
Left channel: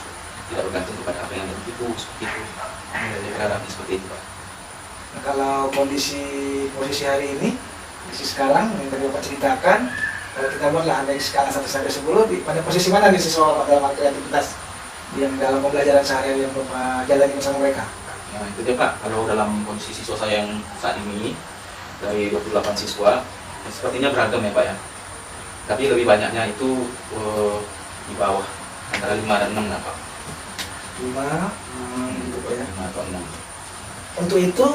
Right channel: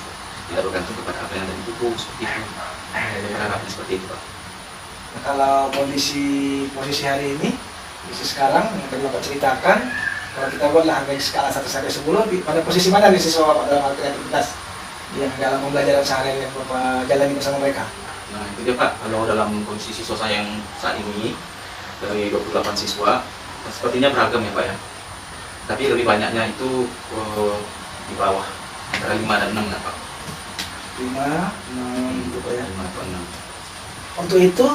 tidak bergantung kepada apa yang ada di buku, seperti itu. Saya berharapnya seperti itu, Pak. Nah, kalau posisi hari ini, posisi sekarang yang tadi Bapak ceritakan, kalau kita buatlah dari skala 1 sampai 10, pada posisi mana nih siswa Bapak dalam hal kreativitas yang dalam pembelajaran sehari-hari yang Bapak jalani bersama mereka? Nah itu dia Pak, kalau dalam kondisi siswa saya yang saat ini, dari 28 siswa, sepertinya beragam ya Pak ya. Tapi lebih banyaknya itu di bawah, antara 5 dan 6 ya Pak. 5, 6, gitu ya. 5 atau 6. Untuk itu,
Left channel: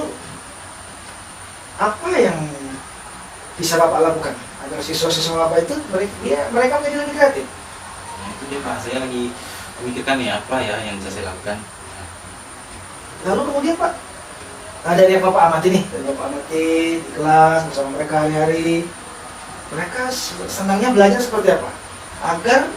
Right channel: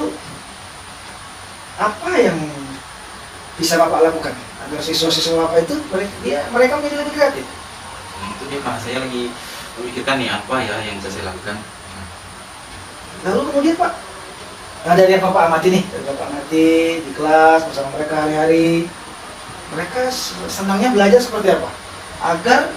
apa yang bisa Bapak lakukan agar siswa-siswa Bapak itu mereka menjadi lebih kreatif? Nah, itu dia Pak, saya lagi memikirkan nih apa ya yang bisa saya lakukan. Lalu kemudian Pak, dari yang Bapak amati nih, dari Bapak amati di kelas bersama mereka hari-hari, mereka senangnya belajar seperti apa? Agar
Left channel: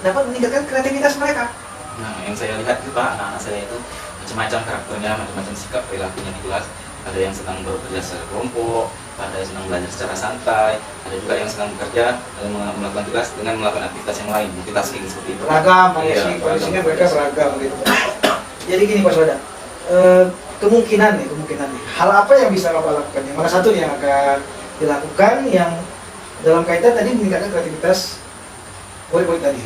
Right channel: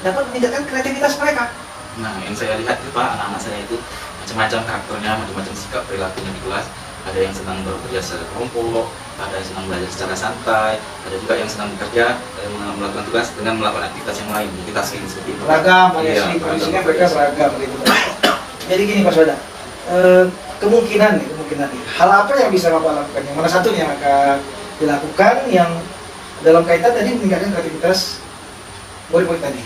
dapat meningkatkan kreativitas mereka. Nah yang saya lihat itu Pak, anak-anak saya itu macam-macam karakternya, macam-macam sikap perilakunya di kelas. Ada yang senang bekerja secara kelompok, ada yang senang belajar secara santai, ada juga yang senang bekerja dan melakukan tugas dengan melakukan aktivitas yang lain, multitasking seperti itu. Beragam, Iya, kondisinya mereka beragam gitu. Jadi gini Pak Soda, kemungkinan nih, hal apa yang bisa Bapak lakukan? Yang mana satu yang akan dilakukan yang dalam kaitan tadi meningkatkan kreativitas murid-murid tadi?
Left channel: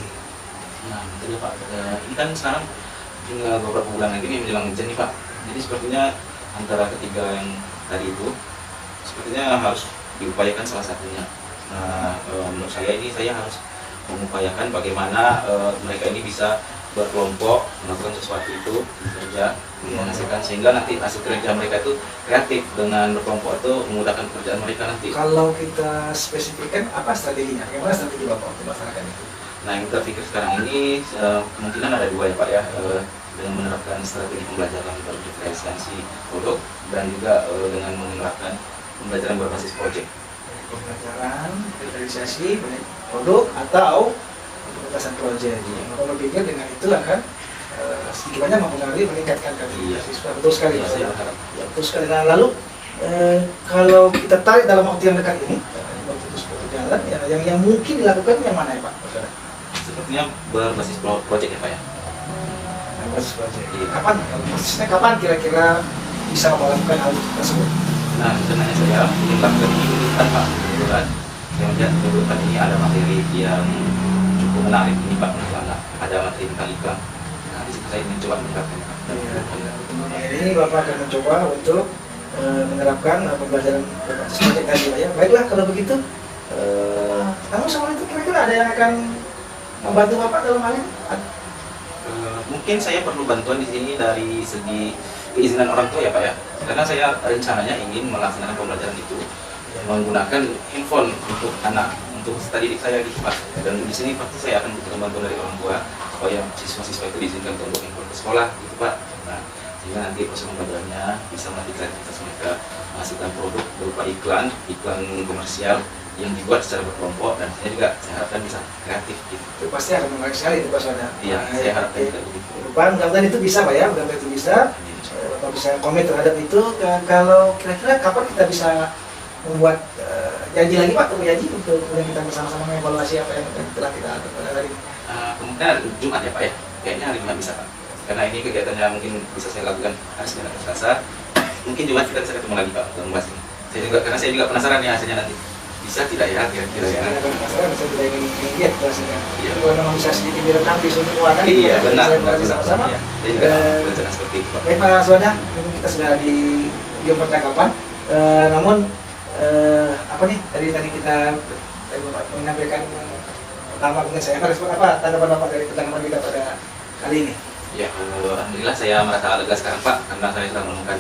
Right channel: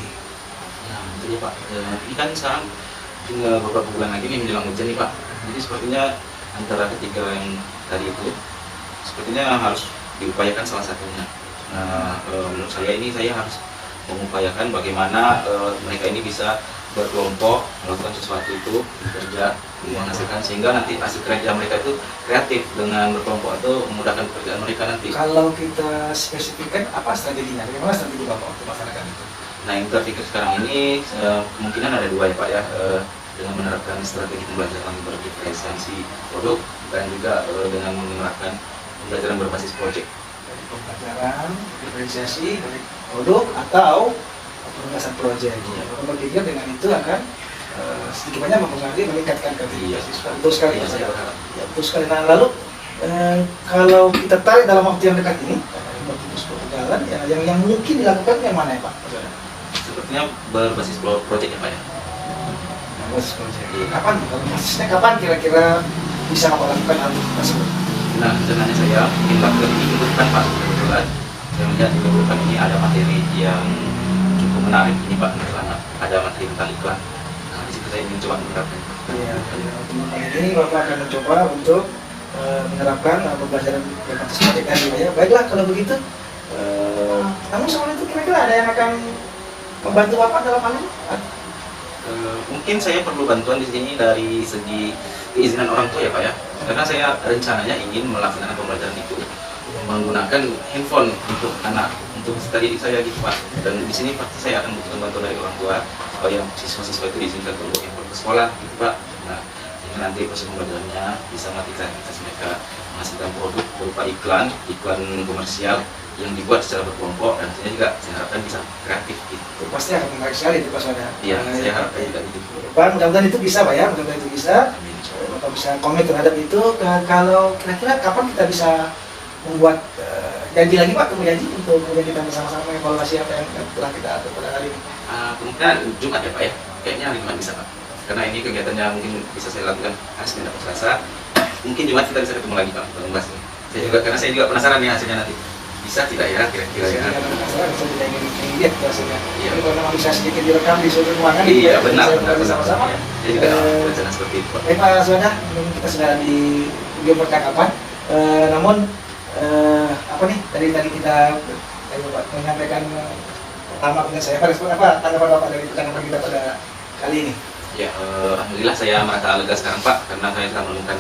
Nah itu dia Pak, ini kan sekarang tinggal beberapa bulan lagi nih menjelang hujan nih Pak. Jadi sepertinya antara ketiga yang tadi itu sepertinya harus diupayakan salah satunya. Nah menurut saya ini saya harus mengupayakan bagaimana mereka ini bisa berkelompok melakukan sesuatu itu bekerja menghasilkan sehingga nanti hasil kerja mereka itu kreatif dengan berkelompok itu memudahkan pekerjaan mereka nanti. Kalau kita spesifikkan apa strateginya? Bagaimana strategi Bapak untuk masyarakat itu? Nah yang terpikir sekarang ini kemungkinan ada dua ya Pak ya, dengan menerapkan strategi pembelajaran berdiferensiasi produk dan juga dengan menerapkan pembelajaran berbasis proyek. Pembelajaran diferensiasi baik produk atau pementasan proyek. Bapak berpikir dengan itu akan sedikit banyak mempengaruhi meningkatkan kreativitas siswa. Betul sekali Iya, Pak. saya berharap. Ya, betul sekali. Nah lalu kalau kita tarik dalam waktu yang dekat ini, waktu itu sebuah jalan, ya, yang mungkin dilakukan yang mana ya Pak? Sepertinya berbasis proyek ya Pak ya. Basis proyek. Kapan? Persisnya kapan kira-kira bisa melakukan hal tersebut? Nah sebenarnya saya mungkin lakukan ini minggu depan Pak. Kebetulan saya melihat minggu depan ini ada materi yang cukup menarik ini Pak. Misalnya ada materi tentang iklan. Nah di situ saya ingin coba menerapkan. Ya, ini Bapak akan mencoba untuk menerapkan pembelajaran berbasis proyek tadi Pak ya. Baiklah kalau begitu. Namun soal itu kira-kira ada yang akan membantu Bapak dalam hal ini? Mungkin saya perlu bantuan di sini dari segi keizinan orang tua ya Pak ya. Karena saya rencananya ingin melaksanakan pembelajaran itu menggunakan handphone untuk anak, untuk tadi saya gitu Pak. Dan di sini pasti saya akan butuh bantuan dari orang tua supaya siswa-siswa itu diizinkan untuk handphone ke sekolah gitu Pak. Nah, sehingga nanti proses pembelajarannya bisa melatih kreativitas mereka menghasilkan produk berupa iklan komersial yang dibuat secara berkelompok dan tentunya juga saya harapkan bisa kreatif gitu. Pasti akan menarik sekali itu Pak Soda. Iya, saya harapkan juga gitu. Pak, mudah-mudahan itu bisa Pak ya, mudah-mudahan itu bisa. Bapak bisa komit terhadap itu. Kalau kira-kira kapan kita bisa membuat janji lagi Pak, untuk janji untuk kemudian kita bersama-sama evaluasi apa yang telah kita atur pada hari ini. Kemungkinan Jumat ya Pak ya, kayaknya hari Jumat bisa Pak. Karena ini kegiatannya mungkin bisa saya lakukan hari Senin atau Selasa. Mungkin Jumat kita bisa ketemu lagi Pak untuk membahas ini. Karena saya juga penasaran ya hasilnya nanti. Bisa tidak ya kira-kira ya? Bisa tidak ingin lihat hasilnya. Kalau memang bisa sedikit direkam di suatu ruangan. Iya benar. Bersama-sama. Saya juga berencana seperti itu Pak. Baik Pak Soda, mungkin kita sudah di ujung percakapan. Namun apa nih tadi kita Bapak menyampaikan pertama dengan saya apa tanggapan Bapak dari percakapan kita pada kali ini? Ya, alhamdulillah saya merasa lega sekarang Pak karena saya telah menemukan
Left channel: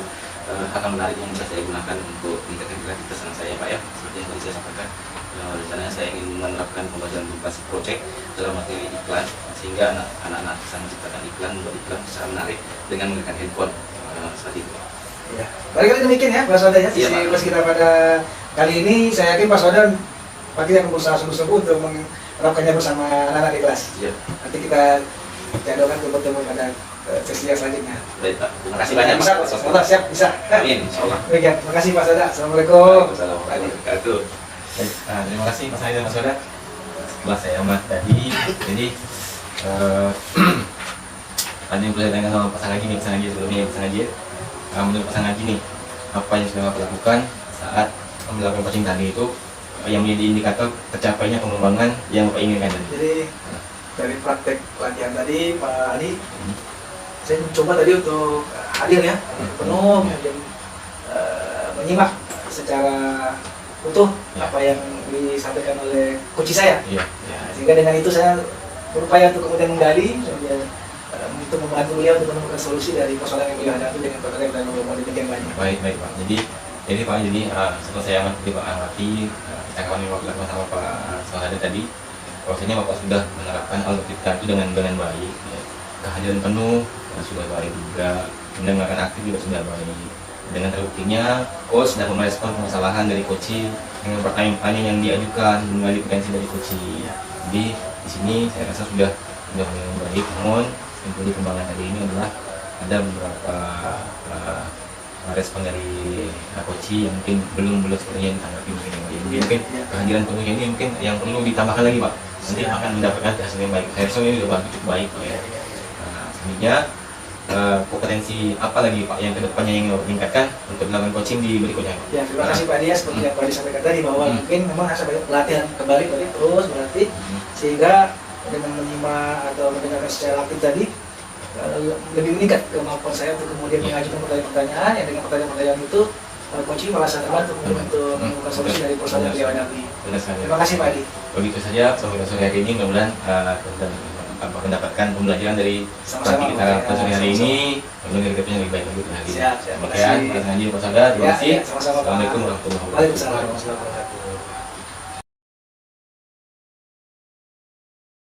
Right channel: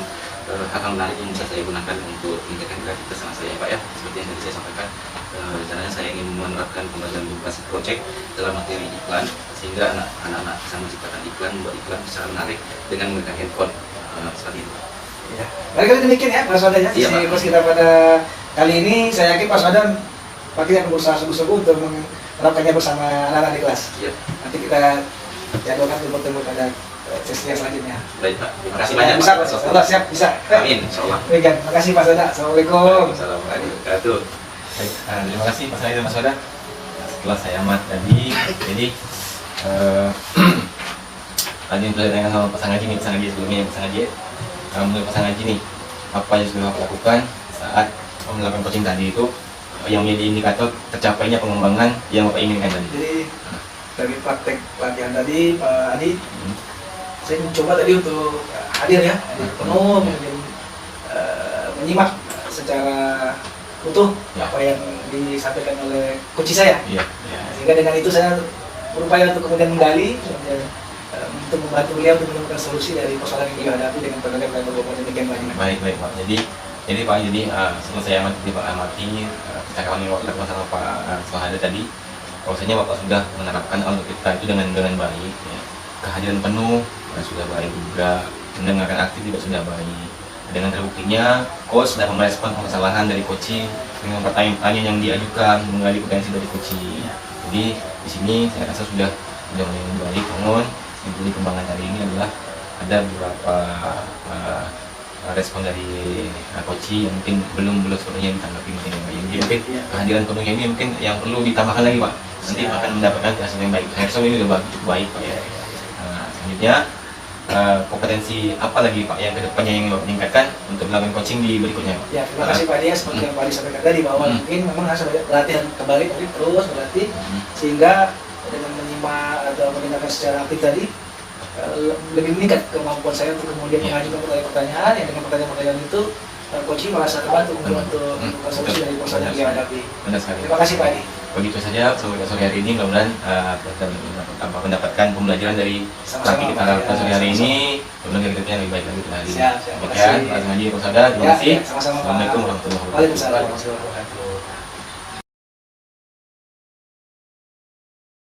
hal menarik yang bisa saya gunakan untuk meningkatkan kreativitas anak saya Pak ya. Seperti yang tadi saya sampaikan, rencananya saya ingin menerapkan pembelajaran berbasis proyek dalam materi iklan sehingga anak-anak bisa menciptakan iklan, membuat iklan secara menarik dengan menggunakan handphone seperti itu. Ya, barangkali demikian ya Pak Soda ya. Iya, Sesi kelas kita pada kali ini saya yakin Pak Soda pagi akan berusaha sungguh-sungguh untuk menerapkannya bersama anak-anak di kelas. Iya. Nanti kita jadwalkan bertemu pada sesi yang selanjutnya. Baik Pak, terima kasih banyak bisa, Pak. Pak. Siap, bisa. Amin, insya Allah. Demikian, terima kasih Pak Soda. Assalamualaikum. Assalamualaikum warahmatullahi wabarakatuh. Baik, terima kasih Mas Adi dan Mas Wada. Setelah saya amat tadi, jadi tadi yang boleh dengan sama pasangan Haji nih, pasangan Haji sebelumnya, pasangan Haji. Menurut pasangan Haji nih, apa yang sudah Bapak lakukan saat melakukan coaching tadi itu yang menjadi indikator tercapainya pengembangan yang Bapak inginkan tadi? Jadi dari praktek latihan tadi Pak Adi, saya mencoba tadi untuk hadir ya, hadir penuh, kemudian menyimak secara utuh Ya. apa yang disampaikan oleh coach saya. Iya. Sehingga dengan itu saya berupaya untuk kemudian menggali, kemudian untuk membantu beliau untuk menemukan solusi dari persoalan yang beliau hadapi dengan pertanyaan yang banyak. Baik Pak. Jadi Pak, setelah saya amati percakapan yang Bapak lakukan sama Pak Sohada tadi, bahwasanya Bapak sudah menerapkan algoritma itu dengan baik, ya. Kehadiran penuh sudah baik juga, mendengarkan aktif juga sudah baik. Dengan terbuktinya, coach sudah merespon permasalahan dari coaching dengan pertanyaan-pertanyaan yang diajukan, menggali potensi dari coaching. Jadi di sini saya rasa sudah mulai baik. Namun yang perlu dikembangkan hari ini adalah ada beberapa respon dari coaching yang mungkin belum sepenuhnya ditanggapi mungkin. Jadi mungkin kehadiran penuhnya ini mungkin yang perlu ditambahkan lagi Pak. Nanti akan mendapatkan hasil yang baik. Saya rasa ini sudah cukup baik Pak ya. Selanjutnya kompetensi apa lagi Pak yang kedepannya yang meningkatkan untuk melakukan coaching di berikutnya Pak? Ya, terima kasih Pak Dia, seperti yang Pak Dia sampaikan tadi bahwa mungkin memang harus ada latihan kembali tadi terus berlatih sehingga dengan menyimak atau mendengarkan secara aktif tadi lebih meningkat kemampuan saya untuk kemudian mengajukan pertanyaan yang dengan pertanyaan itu coaching merasa terbantu untuk menemukan solusi dari persoalan yang dia hadapi. Benar sekali. Terima kasih Pak Adi. Begitu saja sore hari ini, mudah-mudahan mendapatkan pembelajaran dari praktik kita lakukan sore hari ini. Mudah-mudahan kita yang lebih baik lagi. Siap, Demikian, Mas Haji, Pak Sada, terima kasih. Sama-sama Pak. Assalamualaikum warahmatullahi wabarakatuh. Waalaikumsalam warahmatullahi wabarakatuh.